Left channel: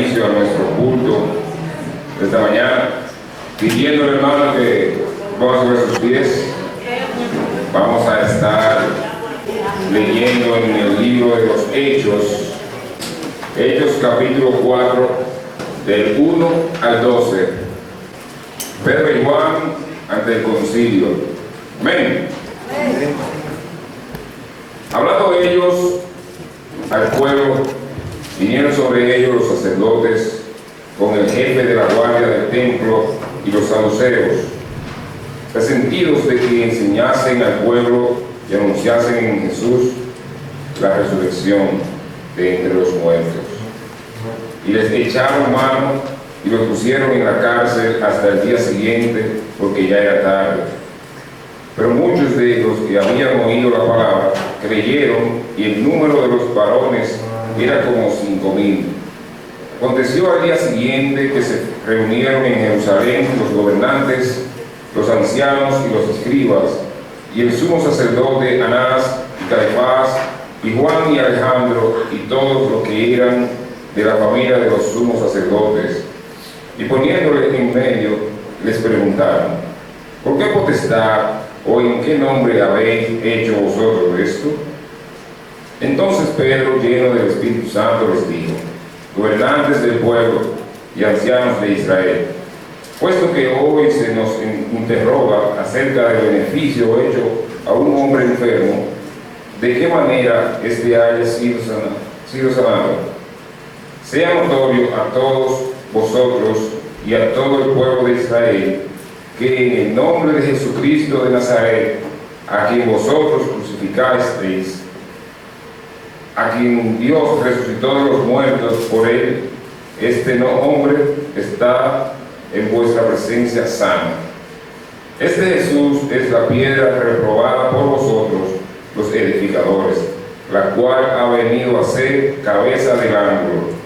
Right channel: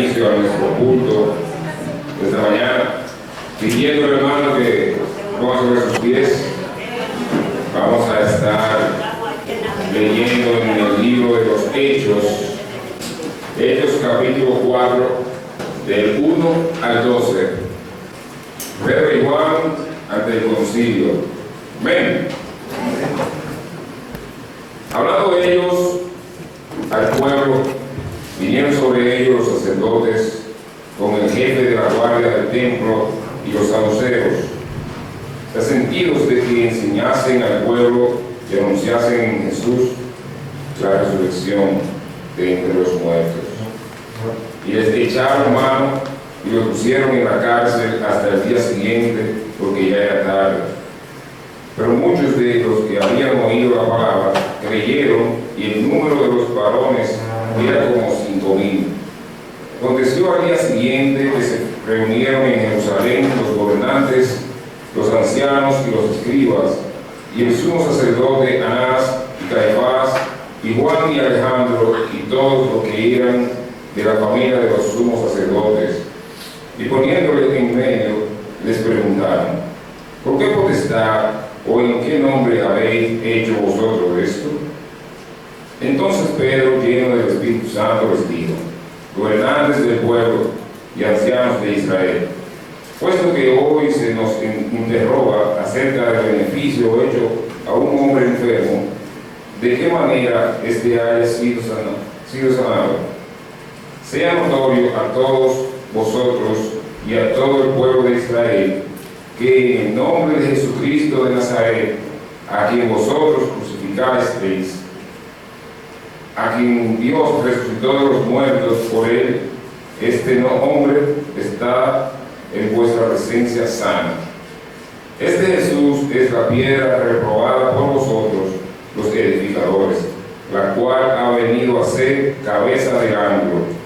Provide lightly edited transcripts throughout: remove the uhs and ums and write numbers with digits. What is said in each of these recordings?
inicio a nuestro culto de esta mañana, pidiéndole, hermano, que ponga sobre sus pies. Vamos a estar leyendo en el libro de los Hechos, Hechos capítulo 4, del 1 al 12. Pedro y Juan ante el concilio. Amén. Hablando de ellos al pueblo, vinieron sobre ellos los sacerdotes con el jefe de la guardia del templo y los saduceos, resentidos de que enseñasen al pueblo y anunciasen en Jesús la resurrección de entre los muertos. Y les echaron mano y los pusieron en la cárcel hasta el día siguiente, porque ya era tarde. Pero muchos de los que habían oído la palabra creyeron, y el número de los varones era como 5,000. Aconteció al día siguiente que se reunieron en Jerusalén los gobernantes, los ancianos y los escribas, y el sumo sacerdote Anás y Caifás, y Juan y Alejandro, y todos los que eran de la familia de los sumos sacerdotes. Y poniéndole en medio, les preguntaron: ¿por qué potestad o en qué nombre habéis hecho vosotros esto? Entonces Pedro, lleno del Espíritu Santo, les dijo: gobernantes del pueblo y ancianos de Israel, puesto que hoy se nos interroga acerca del beneficio hecho a un hombre enfermo, ¿de qué manera éste haya sido sanado? Sea notorio a todos vosotros y a todo el pueblo de Israel que en el nombre de Jesucristo de Nazaret, a quien vosotros crucificasteis, a quien Dios resucitó de los muertos por él, este hombre está en vuestra presencia sano. Este Jesús es la piedra reprobada por vosotros, los edificadores, la cual ha venido a ser cabeza del ángulo.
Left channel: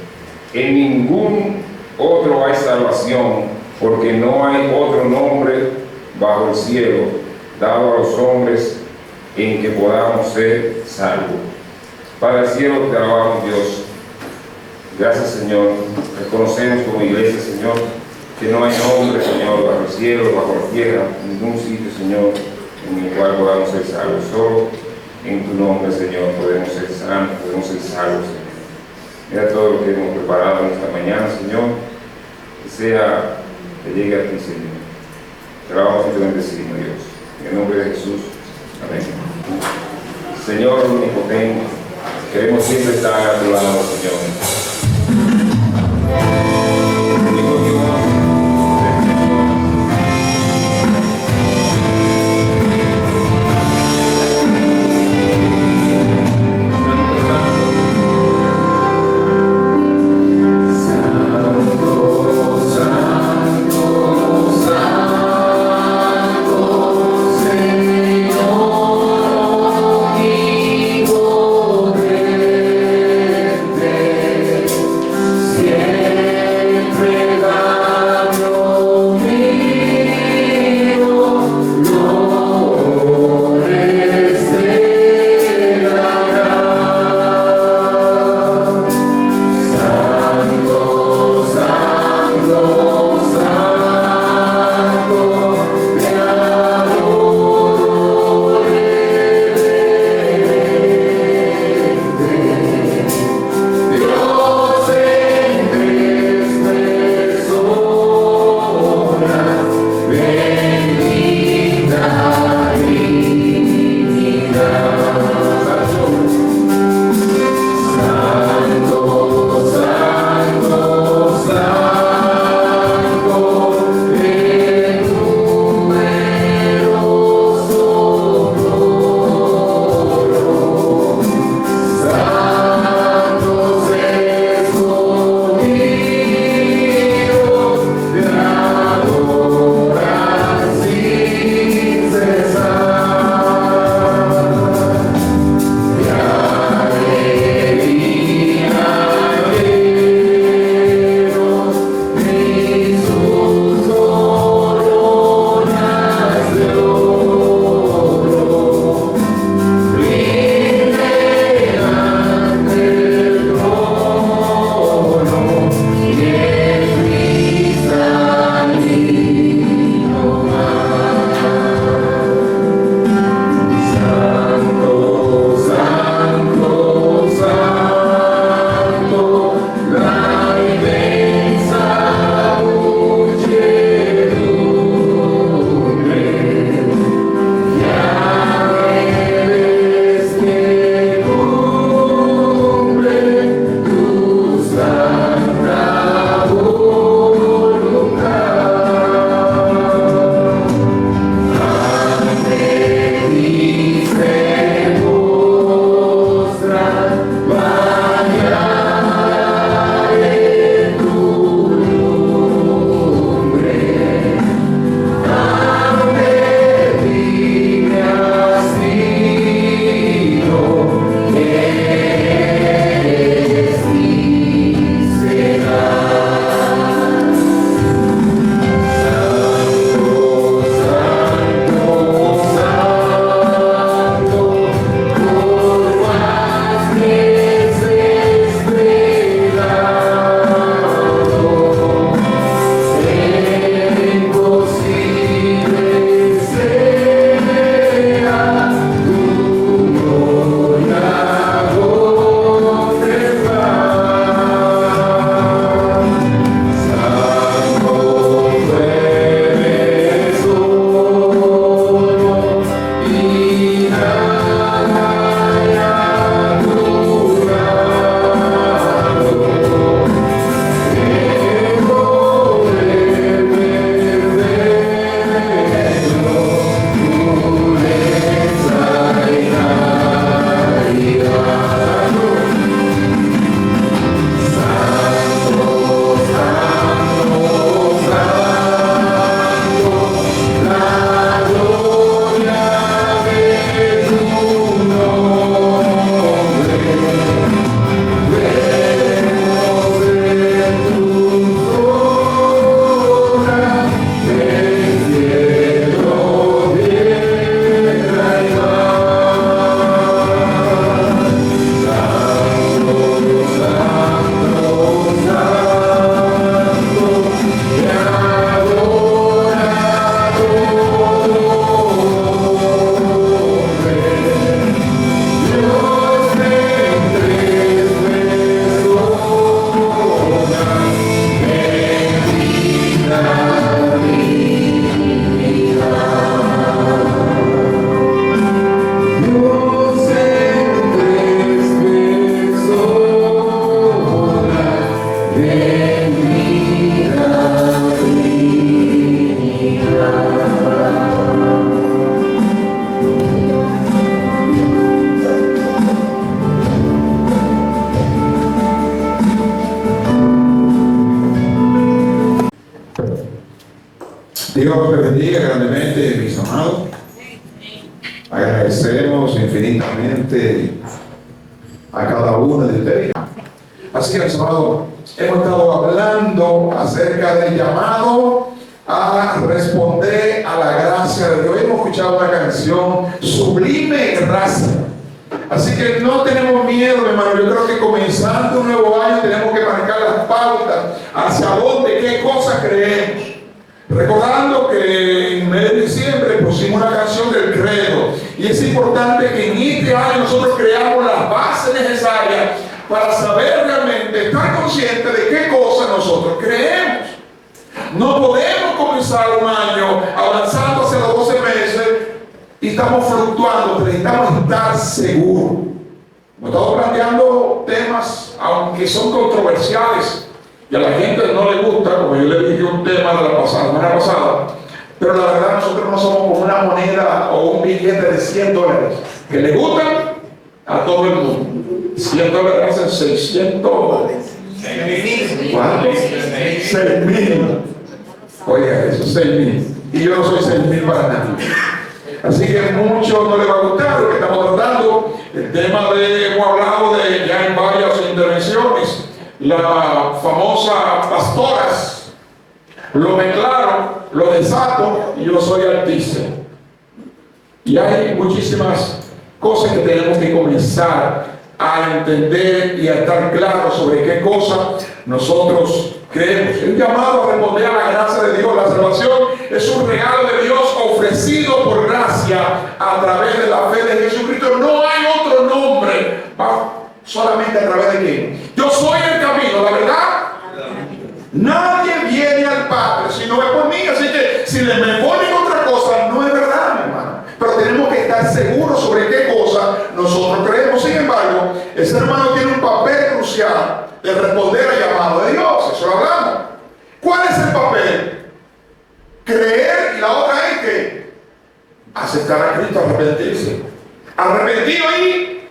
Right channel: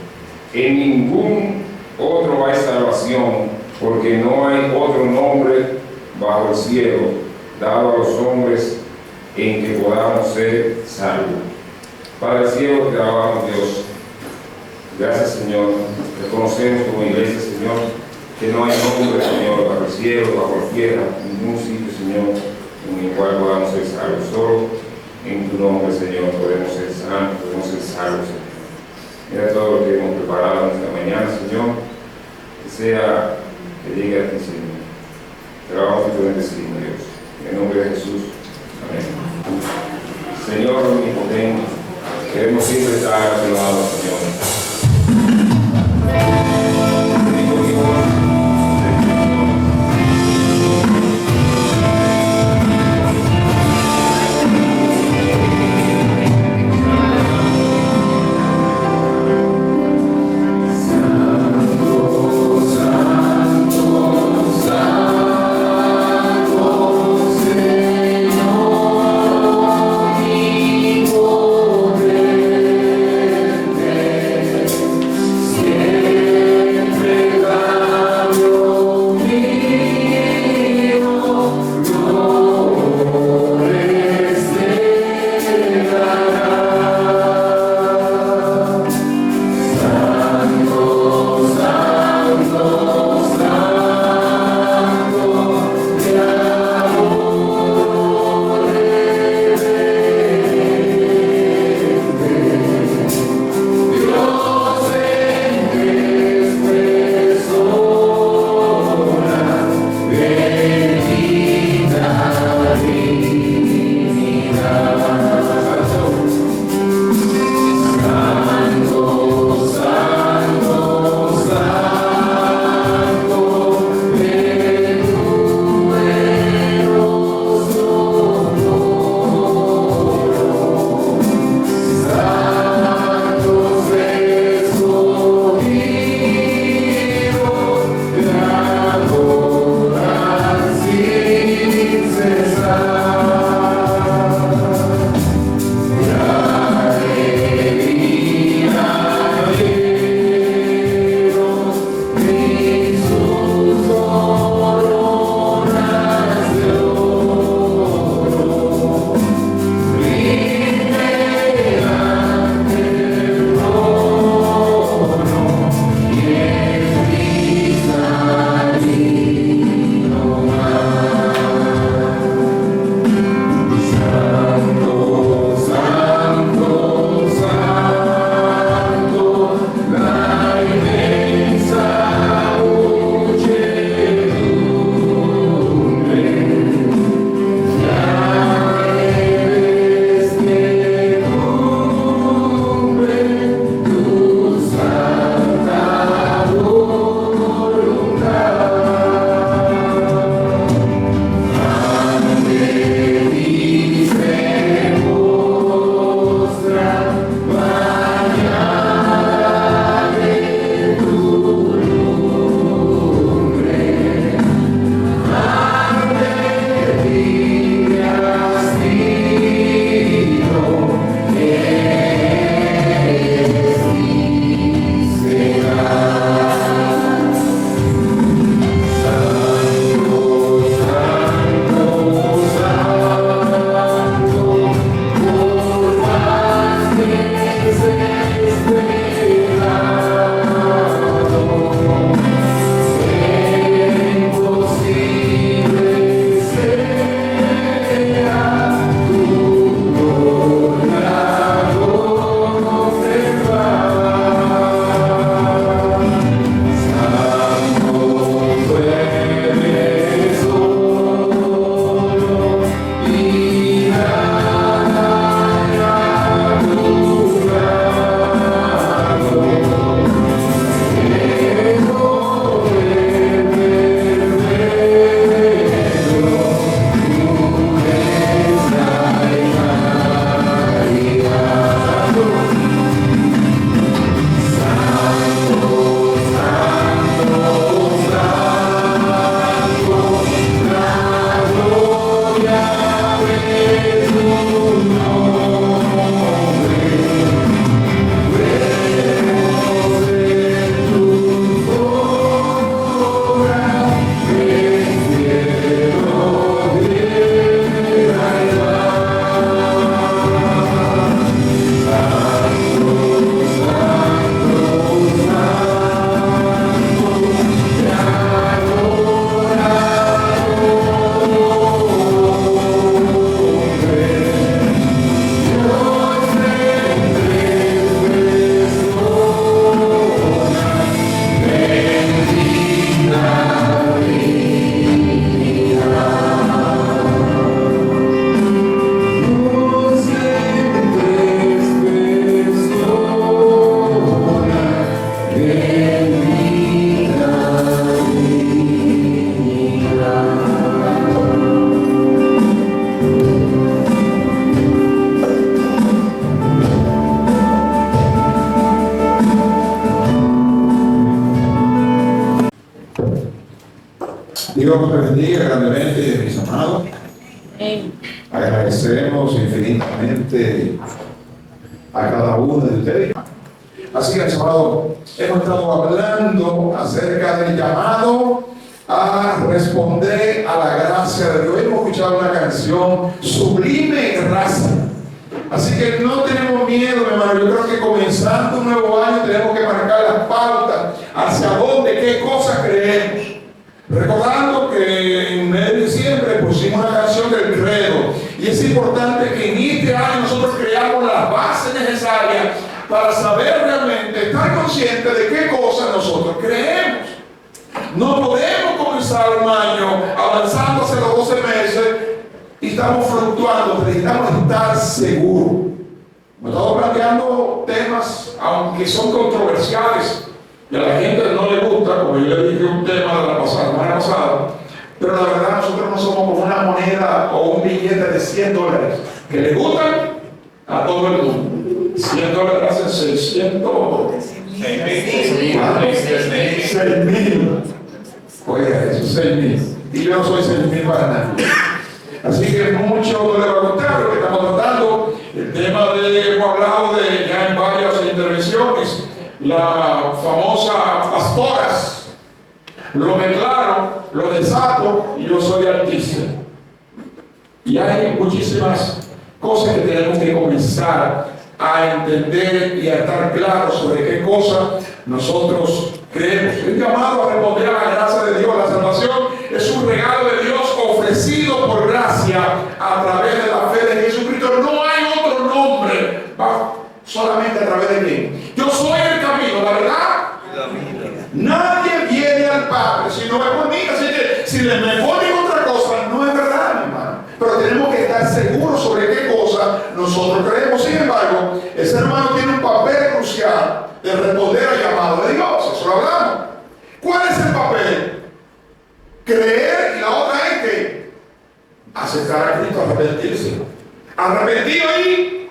En ningún otro hay salvación, porque no hay otro nombre bajo el cielo dado a los hombres en que podamos ser salvos. Padre cielo, te alabamos, Dios. Gracias, Señor. Reconocemos como iglesia, Señor, que no hay nombre, Señor, bajo el cielo, bajo la tierra, en ningún sitio, Señor, en el cual podamos ser salvos. Solo en tu nombre, Señor, podemos ser santos, podemos ser salvos, Señor. Mira todo lo que hemos preparado en esta mañana, Señor, que llegue a ti, Señor. Te alabamos y te bendecimos, Dios. En el nombre de Jesús. Amén. Señor omnipotente, queremos siempre estar a tu lado, Señor. Dios te bendiga grandemente, mis amados. Agradecemos infinitamente a cada uno de ustedes. Así que, mis amados, hemos estado hablando acerca del llamado a responder a la gracia de Dios. Hemos escuchado una canción, Sublime Gracia. Así que no tenemos miedo, hermano. Yo creo que comenzando un nuevo año tenemos que marcar las pautas hacia dónde, qué cosas creemos. Recordando que en mes de diciembre pusimos una canción del credo, y es importante que en este año nosotros creamos las bases necesarias para saber realmente, estar conscientes de qué cosas nosotros creemos. No podemos comenzar un año avanzando hacia los 12 meses y estamos fluctuando. Necesitamos estar seguros. Hemos estado planteando temas, aunque son controversiales y a la gente no le gusta, como yo le dije un tema de la semana pasada, pero la verdad nosotros no somos como una moneda o un billete de $100 que le gustan a todo el mundo. $100 hacen 600. 6.000. Oiga, eso es 6.000. Y yo no soy 6.000 para nada. Así que mucho no le va a gustar lo que estamos tratando. El tema hemos hablado de ya en varias intervenciones. La famosa pastoras. Lo declaro, lo desato y yo soy artista. Y hay muchísimas cosas que tenemos que comenzar a entender y a estar claros sobre qué cosa nosotros creemos. El llamado a responder a la gracia de Dios. La salvación es un regalo de Dios ofrecido por gracia a través de la fe de Jesucristo. No hay otro nombre, solamente a través de quién. Yo soy el camino, la verdad. Nadie viene al Padre si no es por mí. Así que si me ponen otra cosa, no es verdad, mi hermano. Pero tenemos que estar seguros sobre qué cosa nosotros creemos. Sin embargo, el ser humano tiene un papel crucial de responder al llamado de Dios. Eso lo hablamos. ¿Cuál es el papel? Creer, y la otra es que aceptar a Cristo, arrepentirse. Arrepentidos y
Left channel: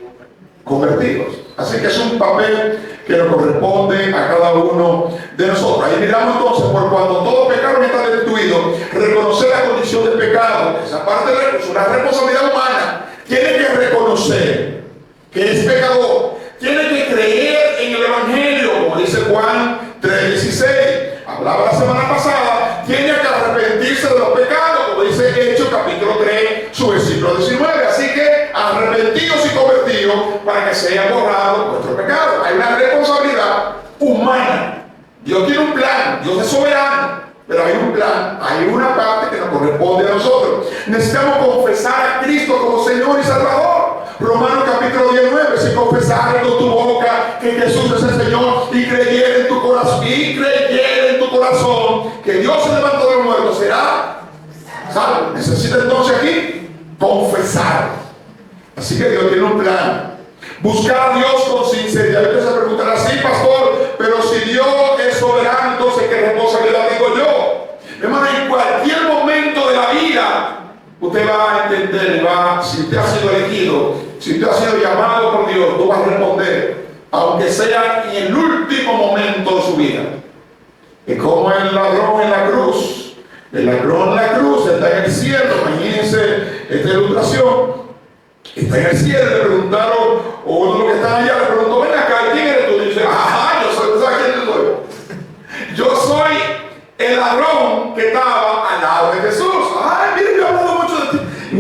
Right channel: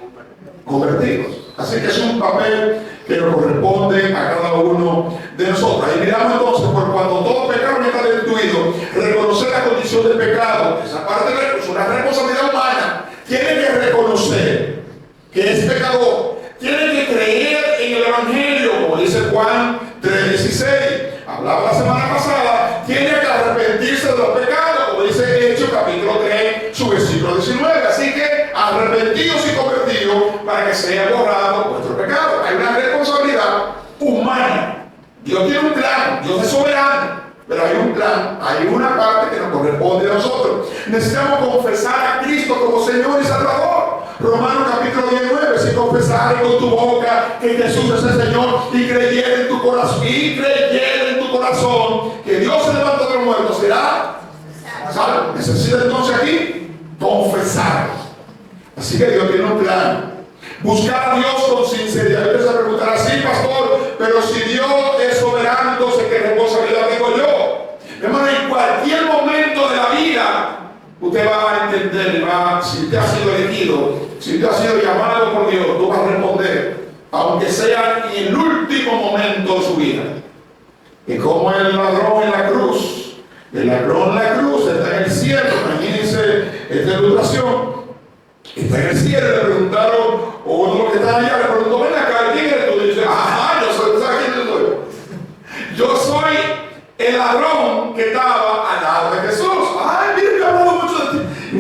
convertidos. Así que es un papel que nos corresponde a cada uno de nosotros. Ahí miramos entonces, por cuando todo pecado está destruido, reconocer la condición del pecado. Esa parte es una responsabilidad humana. Tiene que reconocer que es pecador. Tiene que creer en el Evangelio, como dice Juan 3:16. Hablaba la semana pasada. Tiene que arrepentirse de los pecados, como dice Hechos capítulo 3, su versículo 19. Así que arrepentidos y convertidos para que sea borrado vuestro pecado. Hay una responsabilidad humana. Dios tiene un plan, Dios es soberano, pero hay un plan, hay una parte que nos corresponde a nosotros. Necesitamos confesar a Cristo como Señor y Salvador. Romanos capítulo 19, si confesares con tu boca que Jesús es el Señor y creyere en tu corazón, que Dios se levantó de los muertos, será salvo. Necesita entonces aquí confesar. Así que Dios tiene un plan. Buscar a Dios con sinceridad. Yo les preguntará, sí, pastor, pero si Dios es soberano, entonces ¿qué responsabilidad tengo yo? Hermano, en cualquier momento de la vida usted va a entender, si usted ha sido elegido, si usted ha sido llamado por Dios, tú vas a responder, aunque sea en el último momento de su vida. Es como el ladrón en la cruz. El ladrón en la cruz está en el cielo. Imagínense esta ilustración. Está en el cielo. Le preguntaron, o uno de los que están allá le preguntó, ven acá, ¿quién eres tú? Y dice, yo soy, ¿sabes quién soy? Yo soy el ladrón que estaba al lado de Jesús. Ay, mira, yo he hablado mucho de ti. Y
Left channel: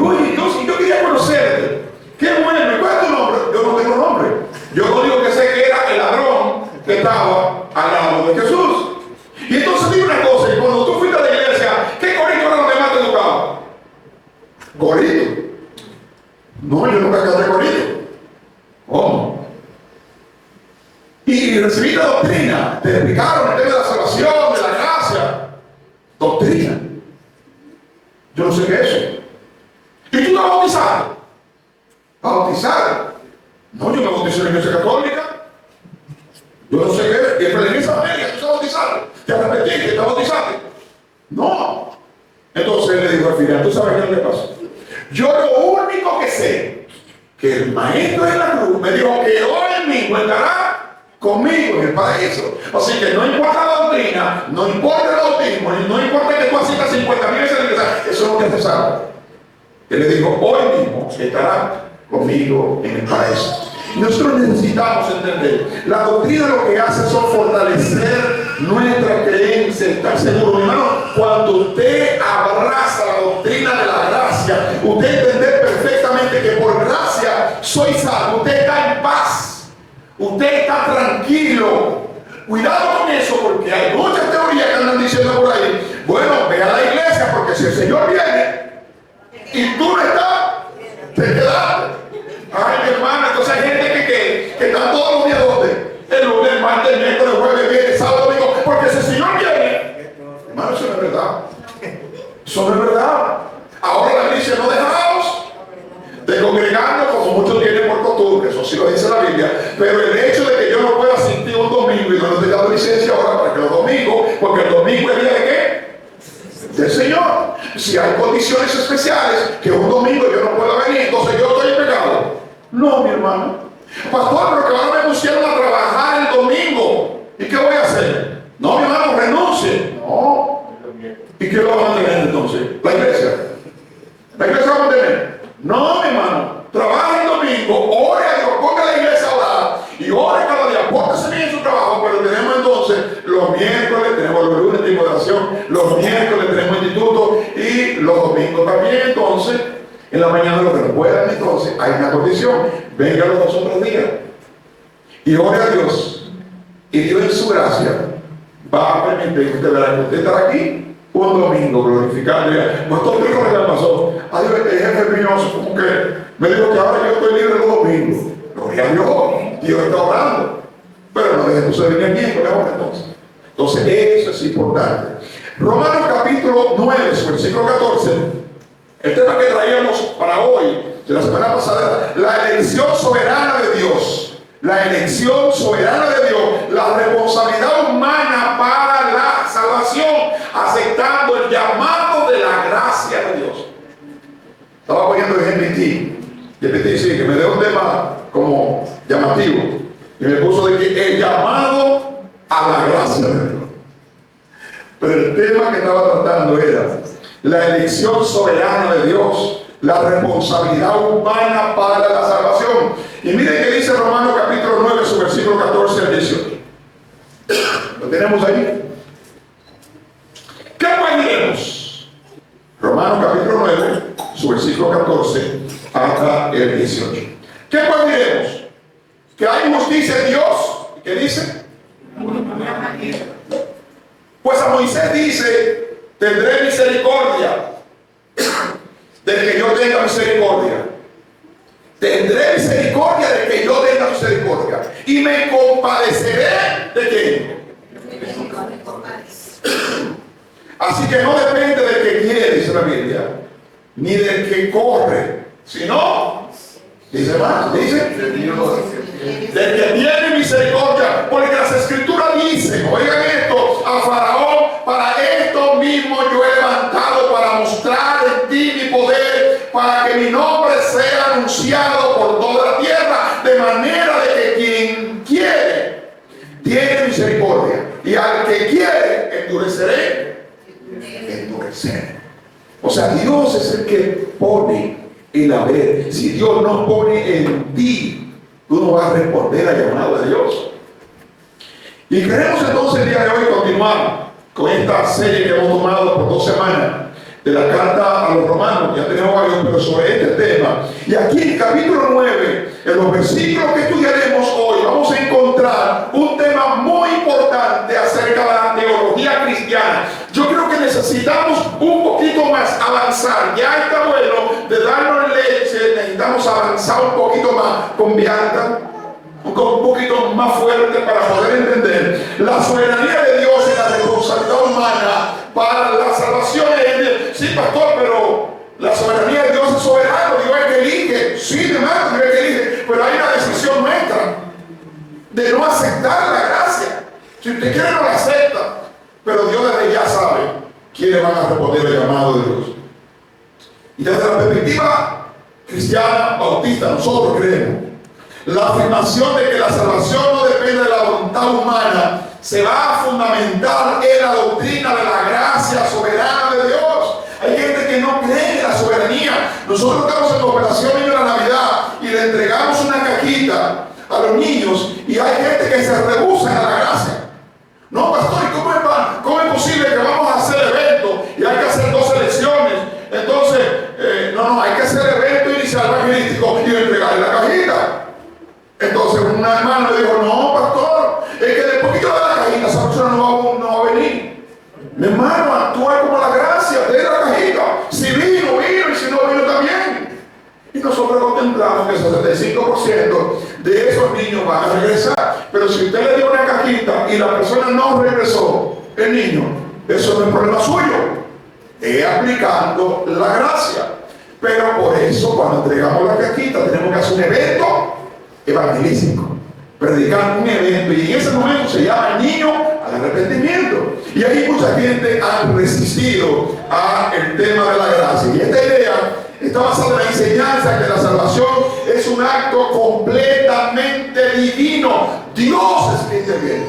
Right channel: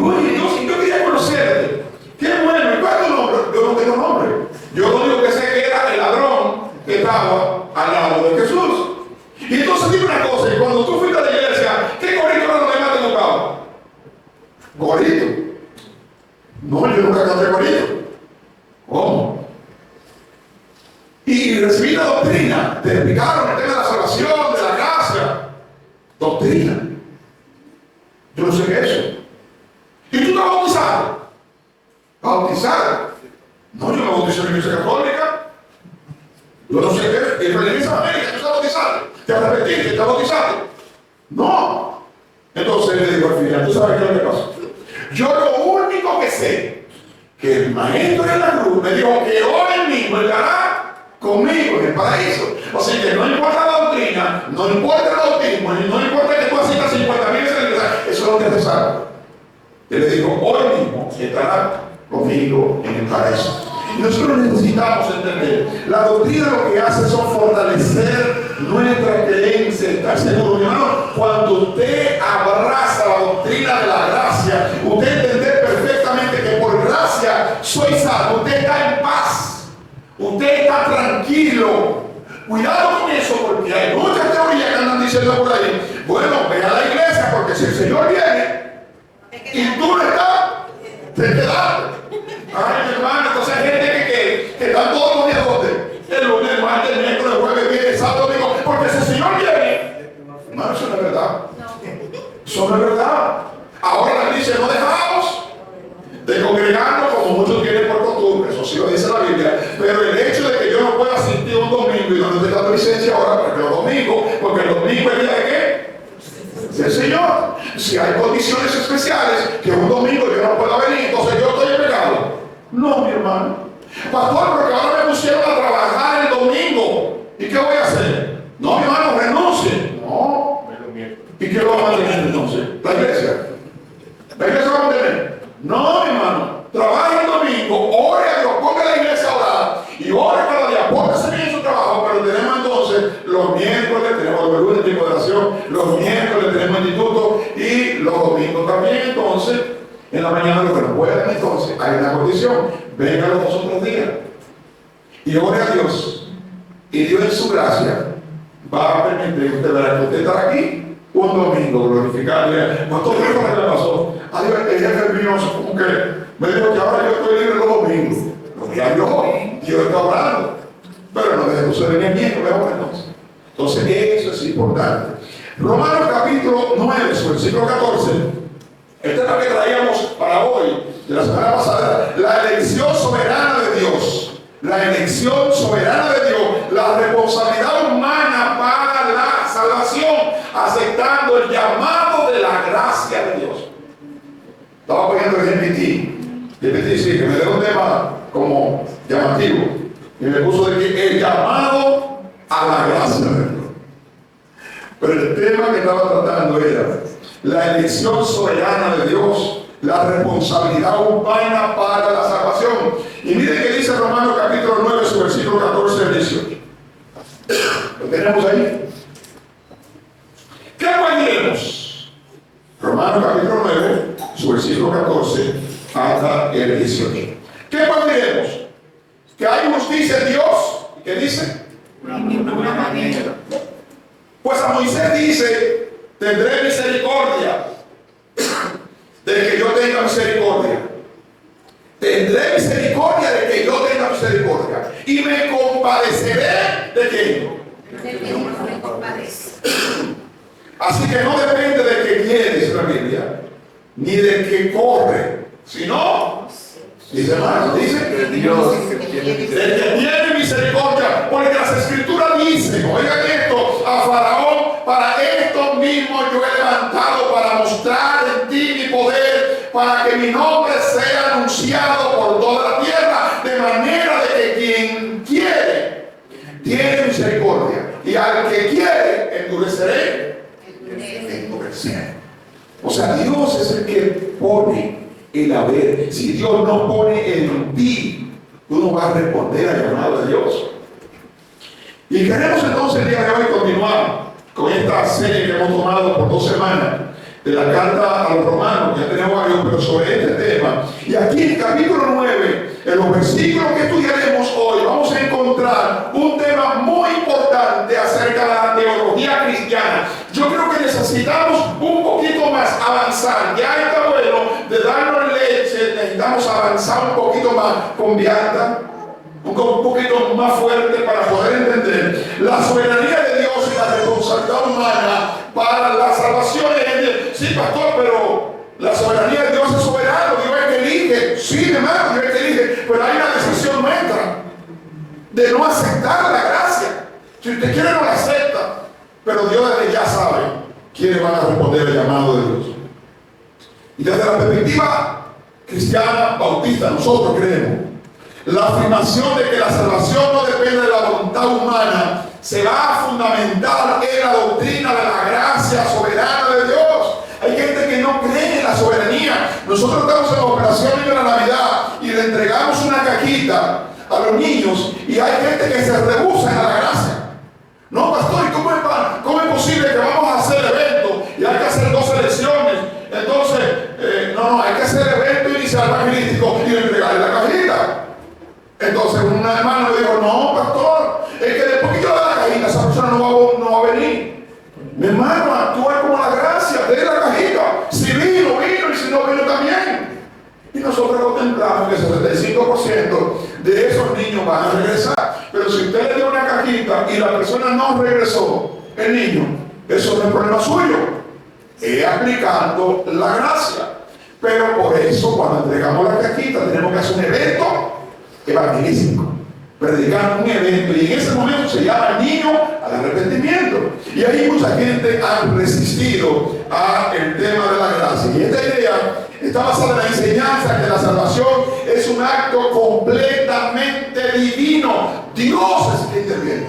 yo quería conocerte. Qué bueno. ¿Y cuál es tu nombre? Yo no tengo nombre. Yo lo único que sé que era el ladrón que estaba al lado de Jesús. Y entonces dime una cosa, y cuando tú fuiste a la iglesia, ¿qué corito era lo que más te tocaba? ¿Corito? No, yo nunca canté corito. ¿Cómo? Y recibí la doctrina, te explicaron el tema de la salvación, de la gracia. Doctrina. Yo no sé qué es eso. ¿Y tú te bautizaste? ¿Bautizar? No, yo me bauticé en la iglesia católica. Yo no sé qué es. Y en la iglesia américa, ¿tú te bautizaste? ¿Te arrepentiste? ¿Te bautizaste? No. Entonces él le dijo al final, ¿tú sabes qué es lo que pasa? Yo lo único que sé, que el maestro de la cruz me dijo que hoy mismo estará conmigo en el paraíso. Así que no importa la doctrina, no importa el bautismo, no importa que tú asistas 50.000 decisión de rezar. Él le dijo, hoy mismo estará conmigo en el paraíso. Y nosotros necesitamos entender, la doctrina lo que hace es fortalecer nuestra creencia, estar seguro. Mi hermano, cuando usted abraza la doctrina de la gracia, usted entiende perfectamente que por gracia soy salvo. Usted está en paz, usted está tranquilo. Cuidado con eso, porque hay muchas teorías que andan diciendo por ahí, bueno, ve a la iglesia porque si el Señor viene y tú no estás, te quedaste. Ay, mi hermano, entonces hay gente que están todos los días donde el lunes, el martes, el miércoles, el jueves, viernes, sábado, domingo, porque si el Señor viene, hermano, eso no es verdad. Eso no es verdad. Ahora la iglesia no dejamos de congregarnos como muchos tienen por costumbre, eso sí lo dice la Biblia, pero el hecho de que yo no pueda asistir un domingo y no te he dado licencia ahora para que los domingos, porque el domingo es día de qué? Del Señor. Si hay condiciones especiales que un domingo yo no pueda venir, entonces yo estoy en pecado. No, mi hermano. Pastor, pero que ahora me pusieron a trabajar el domingo. ¿Y qué voy a hacer? No, mi hermano, renuncie. No. ¿Y qué lo va a mantener entonces? La iglesia. ¿La iglesia va a mantener? No, mi hermano. Trabaja el domingo, ore a Dios, ponga la iglesia a orar y ore cada día. Póngase bien en su trabajo, pero tenemos entonces los miércoles, tenemos los lunes de oración, los miércoles tenemos instituto y los domingos también. Entonces, en la mañana lo que no puedan, entonces hay una condición: venga los 2 otros días y ore a Dios, y Dios en su gracia va a permitir que usted verá que usted estará aquí un domingo glorificarle. Pastor, ¿qué es lo que pasó? Adiós, el jefe mío como que me dijo que ahora yo estoy libre los domingos. Gloria a Dios, Dios está orando, pero no deje que usted venga aquí, entonces. Entonces eso es importante. Romanos capítulo 9, su versículo 14. El tema que traíamos para hoy, de la semana pasada, la elección soberana de Dios. La elección soberana de Dios, la responsabilidad humana para la salvación, aceptando el llamado de la gracia de Dios. Estaba poniendo el GPT, sí, que me dio un tema como llamativo, y me puso de que el llamado a la gracia de Dios. Pero el tema que estaba tratando era la elección soberana de Dios, la responsabilidad humana para la salvación. Y miren que dice Romanos capítulo 9, su versículo 14 al 18. ¿Lo tenemos ahí? ¿Qué pues diremos? Romanos capítulo 9, su versículo 14 hasta el 18. ¿Qué pues diremos? ¿Que hay justicia en Dios? ¿Qué dice? Ninguna manera. Pues a Moisés dice: tendré misericordia del que yo tenga misericordia. Tendré misericordia del que yo tenga misericordia. Y me compadeceré de quién. Así que no depende del que quiere, dice la Biblia, ni del que corre, sino, dice más, dice, De Dios. del que tiene misericordia, porque las escrituras dicen, oigan esto, a Faraón: para esto mismo yo he levantado para mostrar en ti mi poder, para que mi nombre sea anunciado por toda la tierra, de manera de que quien quiere tiene misericordia, y al que quiere endureceré. Endurecer. O sea, Dios es el que pone el haber. Si Dios no pone en ti, tú no vas a responder al llamado de Dios. Y queremos entonces el día de hoy continuar con esta serie que hemos tomado por 2 semanas de la carta a los romanos. Ya tenemos varios, pero sobre este tema. Y aquí en el capítulo 9, en los versículos que estudiaremos hoy, vamos a encontrar un tema muy importante acerca de la teología cristiana. Yo creo que necesitamos un poquito más avanzar. Ya está bueno de darnos leche, necesitamos avanzar un poquito más con vianda, un poquito más fuerte para poder entender la soberanía de Dios y la responsabilidad humana para la salvación. Sí, pastor, pero la soberanía de Dios es soberano, Dios es que elige. Sí, demás, Dios es que elige, pero hay una decisión nuestra de no aceptar la gracia. Si usted quiere, no la acepta, pero Dios desde ya sabe quiénes van a responder el llamado de Dios. Y desde la perspectiva cristiana bautista, nosotros creemos la afirmación de que la salvación no depende de la voluntad humana se va a fundamentar en la doctrina de la gracia soberana de Dios. Hay gente que no cree Mi hermano, actúa como la gracia, de la cajita. Si vino, vino, y si no vino también. Y nosotros contemplamos que el 75% de esos niños van a regresar. Pero si usted le dio una cajita y la persona no regresó, el niño, eso no es problema suyo. Es aplicando la gracia. Pero por eso, cuando entregamos la cajita, tenemos que hacer un evento evangelístico. Predicar un evento, y en ese momento se llama el niño al arrepentimiento. Y ahí mucha gente ha resistido al tema de la gracia. Y esta idea está basada en la enseñanza que la salvación es un acto completamente divino. Dios es quien interviene.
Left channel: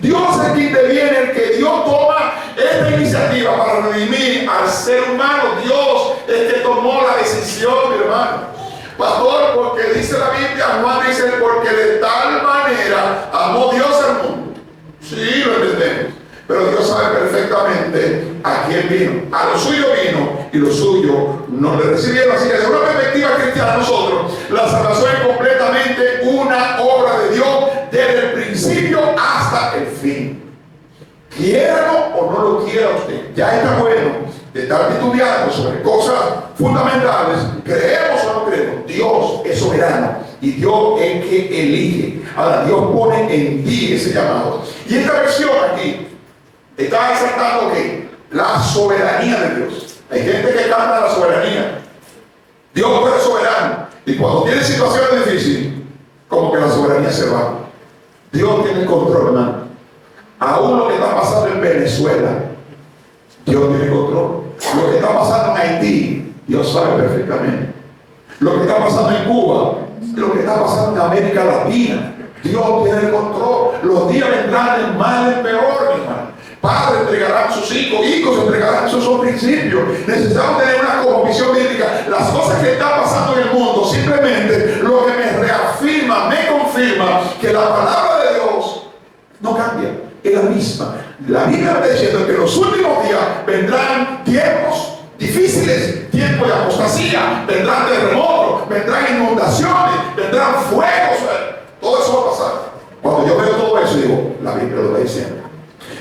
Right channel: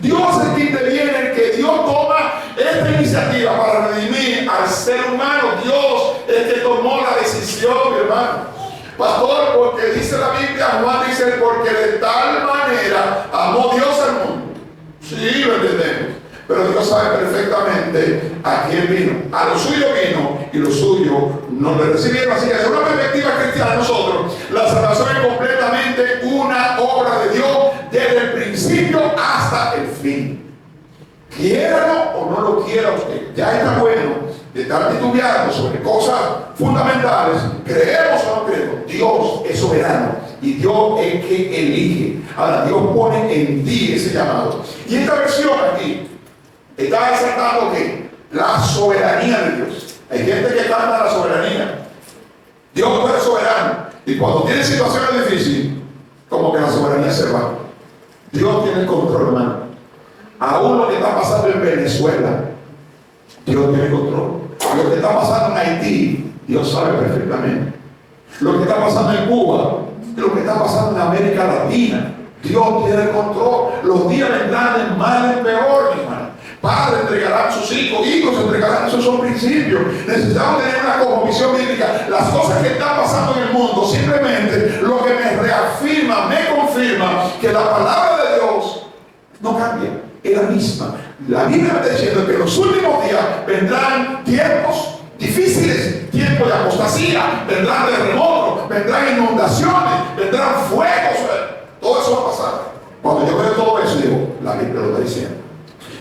Dios es quien interviene, el que Dios toma esta iniciativa para redimir al ser humano. Dios es el que tomó la decisión, mi hermano. Pastor, porque dice la Biblia, Juan dice, porque de tal manera amó Dios al mundo. Sí, lo entendemos. Pero Dios sabe perfectamente a quién vino. A lo suyo vino y lo suyo no le recibieron. Así que desde una perspectiva cristiana, nosotros, la salvación es completamente una obra de Dios desde el principio hasta el fin. Quiéralo o no lo quiera usted, ya está bueno de estar titubeando sobre cosas fundamentales. Creemos o no creemos, Dios es soberano y Dios es que elige. Ahora, Dios pone en ti ese llamado. Y esta versión aquí está exaltando que la soberanía de Dios. Hay gente que canta la soberanía. Dios es soberano. Y cuando tiene situaciones difíciles, como que la soberanía se va. Dios tiene el control, hermano. Aún lo que está pasando en Venezuela, Dios tiene el control. Lo que está pasando en Haití, Dios sabe perfectamente. Lo que está pasando en Cuba, lo que está pasando en América Latina, Dios tiene el control. Los días vendrán de mal en peor, mi hermano. Padres entregarán sus hijos, hijos entregarán sus principios. Necesitamos tener una cosmovisión bíblica. Las cosas que están pasando en el mundo, simplemente lo que me reafirma, me confirma que la palabra de Dios no cambia, es la misma. La Biblia me está diciendo que en los últimos días vendrán tiempos difíciles, tiempos de apostasía, vendrán terremotos, vendrán inundaciones, vendrán fuegos. Todo eso va a pasar. Cuando yo veo todo eso, digo, la Biblia lo está diciendo.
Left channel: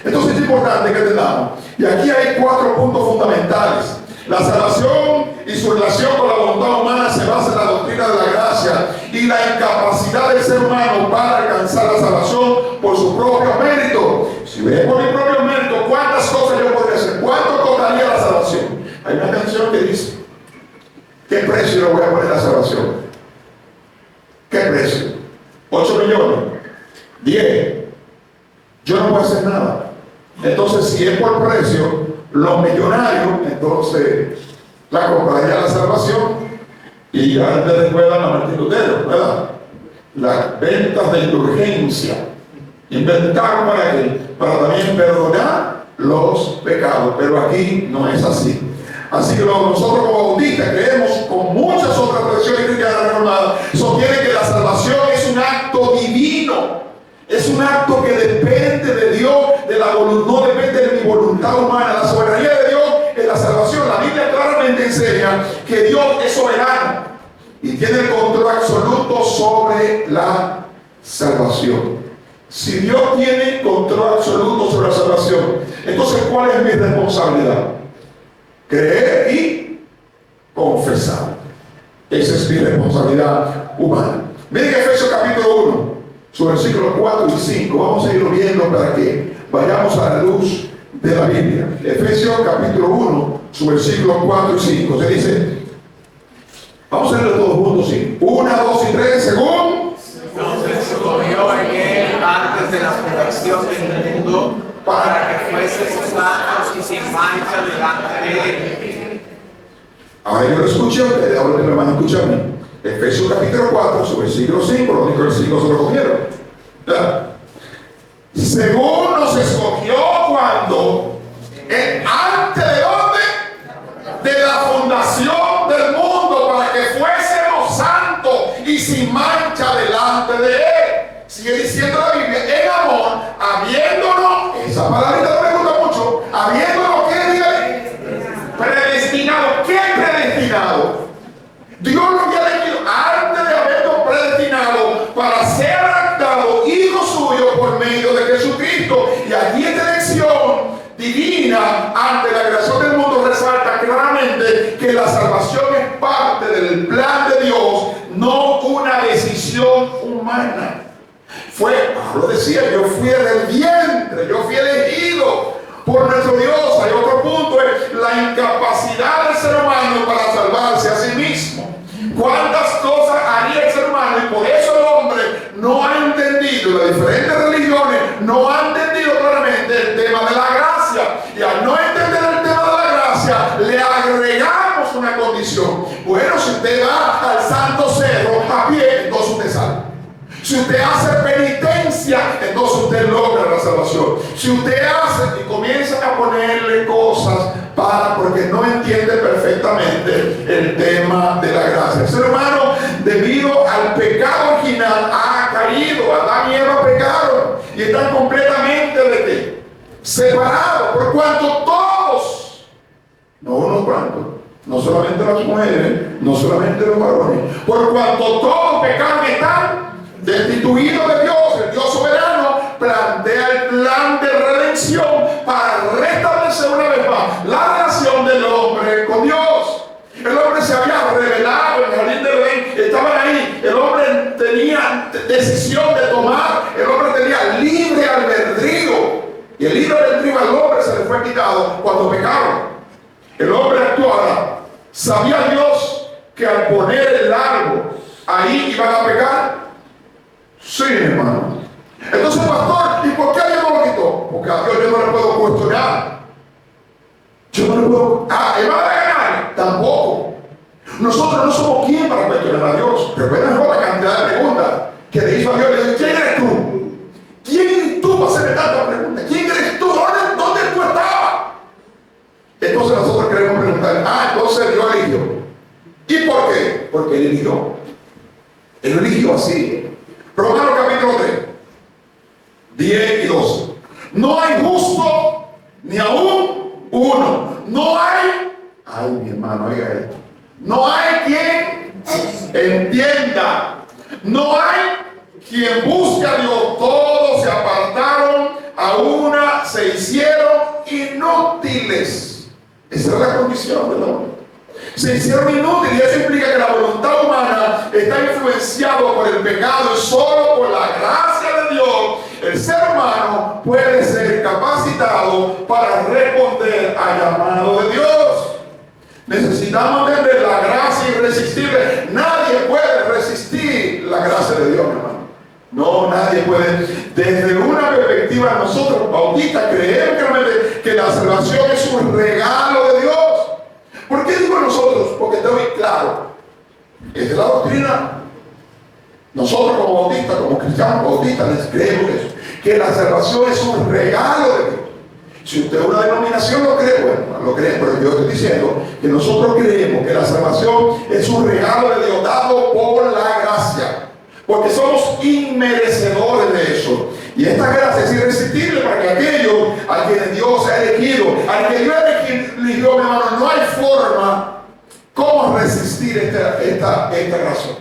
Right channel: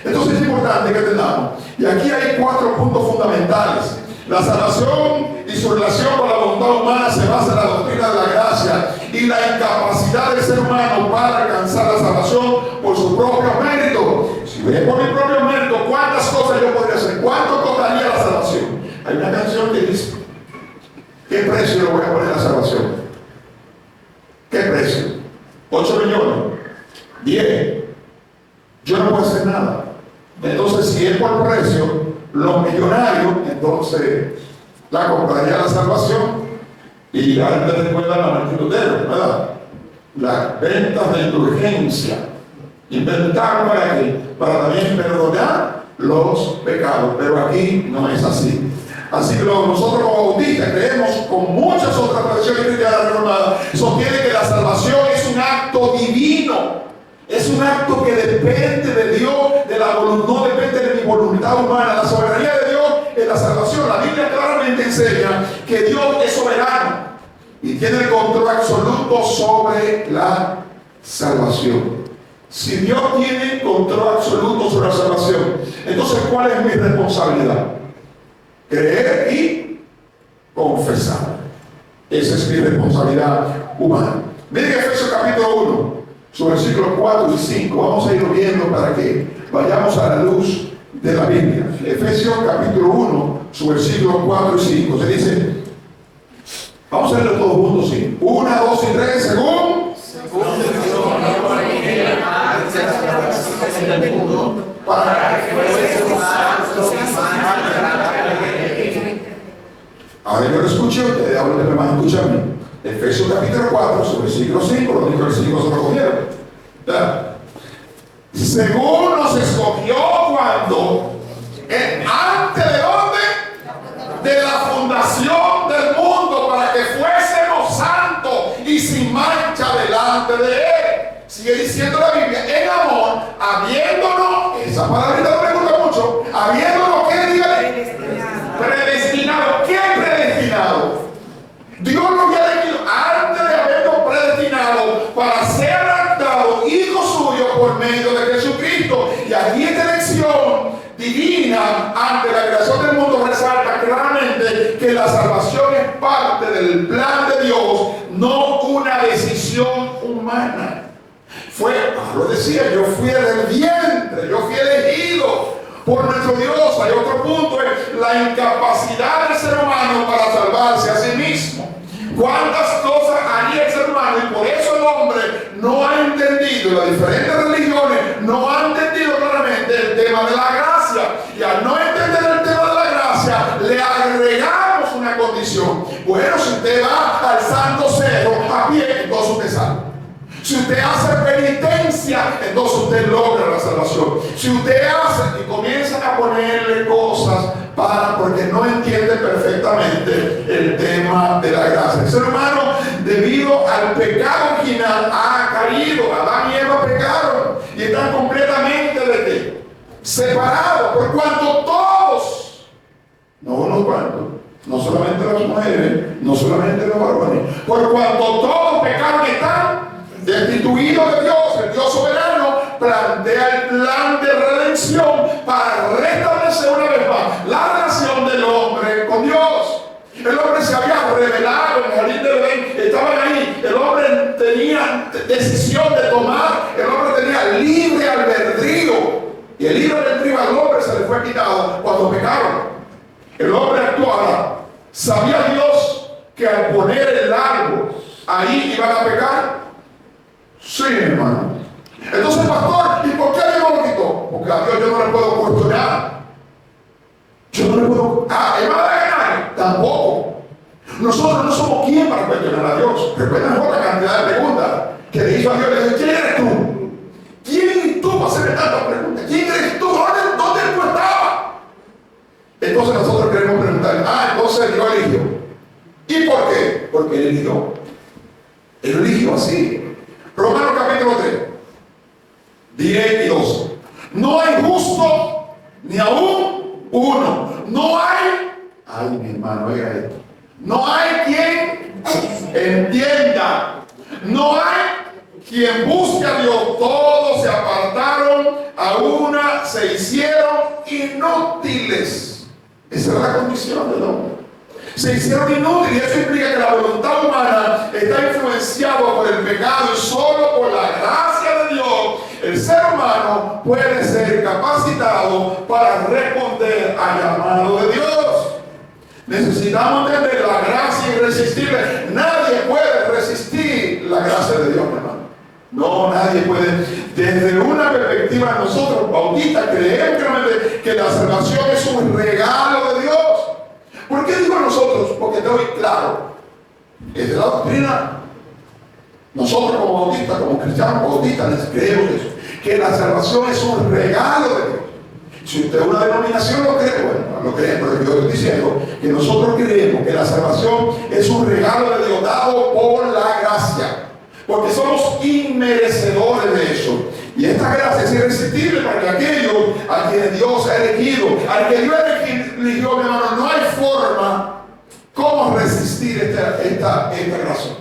Entonces es importante que entendamos. Y aquí hay 4 puntos fundamentales. La salvación y su relación con la voluntad humana se basa en la doctrina de la gracia y la incapacidad del ser humano para alcanzar la salvación por su propio mérito. Si ves por mi propio mérito, ¿cuántas cosas yo podría hacer? ¿Cuánto costaría la salvación? Hay una canción que dice, ¿qué precio le voy a poner a la salvación? ¿Qué precio? 8 millones, 10. Yo no puedo hacer nada. Entonces, si es por precio, los millonarios, entonces la compraría la salvación. Y ya te recuerdan a Martín Lutero, ¿verdad? Las ventas de indulgencia inventaron para qué? Para también perdonar los pecados. Pero aquí no es así. Así que nosotros como bautistas creemos, con muchas otras tradiciones cristianas reformadas, sostienen que la salvación es un acto divino. Es un acto que depende de Dios, de la voluntad, no depende de mi voluntad humana. La soberanía de Dios es la salvación. La Biblia claramente enseña que Dios es soberano y tiene el control absoluto sobre la salvación. Si Dios tiene control absoluto sobre la salvación, entonces ¿cuál es mi responsabilidad? Creer y confesar. Esa es mi responsabilidad humana. Miren Efesios capítulo 1. Su versículos 4 y 5, vamos a irlo viendo para que vayamos a la luz de la Biblia. Efesios capítulo 1, su versículos 4 y 5, se dice, vamos a leerlo todos juntos, sí. 1, 2 y 3, según antes de la creación del mundo, para que fuese humanos y sin mancha delante de él. ahora yo lo escuché a ustedes, ahora me van a escuchar a mí. Efesios capítulo 4, su versículo 5, los únicos versículos se lo cogieron. Según nos escogió cuando, antes de dónde? De la fundación del mundo, para que fuésemos santos y sin mancha delante de él. Sigue diciendo la Biblia, en amor, habiéndonos, esa palabrita me gusta mucho, habiéndonos, ¿qué dice? Predestinado. ¿Qué predestinado? Dios lo había elegido antes de haberlo predestinado para ser adoptado hijo suyo por medio de Jesús. Jesucristo. Y aquí esta elección divina ante la creación del mundo resalta claramente que la salvación es parte del plan de Dios, no una decisión humana. Pablo decía, yo fui del vientre, yo fui elegido por nuestro Dios. Hay otro punto, es la incapacidad del ser humano para salvarse a sí mismo. ¿Cuántas cosas haría el ser humano? Y por eso el hombre no ha entendido, las diferentes religiones no han entendido claramente el tema de la gracia. Y al no entender el tema de la gracia, le agregamos una condición. Bueno, si usted va al Santo Cerro a pie, entonces usted salva. Si usted hace penitencia, entonces usted logra la salvación. Si usted hace y comienza a ponerle cosas porque no entiende perfectamente el tema de la gracia. El ser humano, debido al pecado original, ha caído. Adán y Eva pecaron y están completamente ¿de qué? Separados, por cuanto todos, no unos cuantos, no solamente las mujeres, no solamente los varones, por cuanto todos pecaron y están destituido de Dios. El Dios soberano plantea el plan de redención para restablecer una vez más la relación del hombre con Dios. El hombre se había revelado en el jardín del Edén, estaban ahí, el hombre tenía decisión de tomar, el hombre tenía libre albedrío, y el libre albedrío al hombre se le fue quitado cuando pecaron. El hombre actuaba, ¿sabía Dios que al poner el árbol ahí iban a pecar? Sí, hermano. Entonces, pastor, ¿y por qué Dios no lo quitó? Porque a Dios yo no le puedo cuestionar. Yo no le puedo. ¿Él va a ganar? Tampoco. Nosotros no somos quien para cuestionar a Dios. Recuerden la cantidad de preguntas que le hizo a Dios. Le dijo, ¿quién eres tú? ¿Quién eres tú para hacerme tantas preguntas? ¿Quién eres tú? ¿Dónde tú estabas? Entonces nosotros queremos preguntar, entonces Dios eligió. ¿Y por qué? Porque Él eligió. Él eligió así. Romanos capítulo 3, 10 y 12. No hay justo ni aún uno. No hay, mi hermano, oiga esto. No hay quien entienda. No hay quien busque a Dios. Todos se apartaron, a una se hicieron inútiles. Esa es la condición del hombre. Se hicieron inútiles, y eso implica que la voluntad humana está influenciada por el pecado, y solo por la gracia de Dios el ser humano puede ser capacitado para responder al llamado de Dios. Necesitamos entender la gracia irresistible. Nadie puede resistir la gracia de Dios, hermano. No, nadie puede. Desde una perspectiva, nosotros bautistas creemos que la salvación es un regalo de Dios. ¿Por qué digo nosotros? Porque estoy claro. Desde la doctrina, nosotros como bautistas, como cristianos bautistas, les creemos eso, que la salvación es un regalo de Dios. Si usted una denominación lo cree, bueno, lo cree, pero yo estoy diciendo que nosotros creemos que la salvación es un regalo de Dios dado por la gracia, porque somos inmerecedores de eso. Y esta gracia es irresistible para que aquellos a quienes Dios ha elegido, al que Dios eligió, mi hermano, no hay forma cómo resistir esta gracia.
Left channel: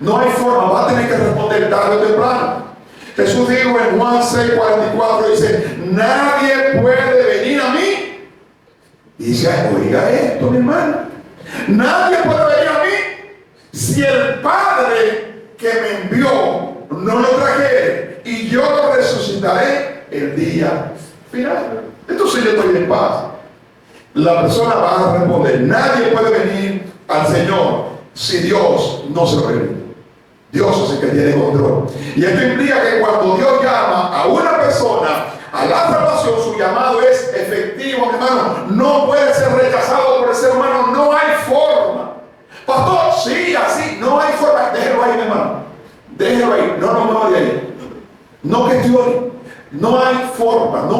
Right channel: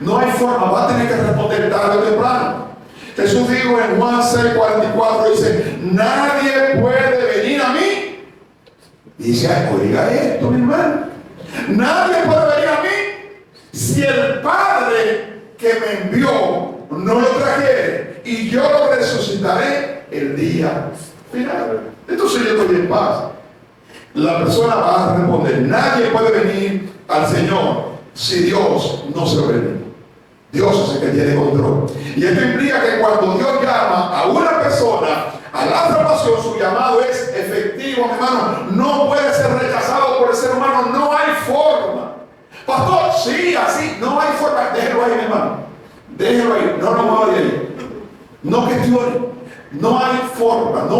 No hay forma, va a tener que responder tarde o temprano. Jesús dijo en Juan 6:44, dice, nadie puede venir a mí. Y dice, oiga esto, mi hermano. Nadie puede venir a mí si el Padre que me envió no lo trajere, y yo lo resucitaré el día final. Entonces yo estoy en paz. La persona va a responder, nadie puede venir al Señor si Dios no se lo permite. Dios es el que tiene control. Y esto implica que cuando Dios llama a una persona a la salvación, su llamado es efectivo, mi hermano. No puede ser rechazado por el ser humano. No hay forma. Pastor, sí, así, no hay forma. Déjelo ahí, mi hermano. Déjelo ahí. No me vaya ahí. No cuestione. No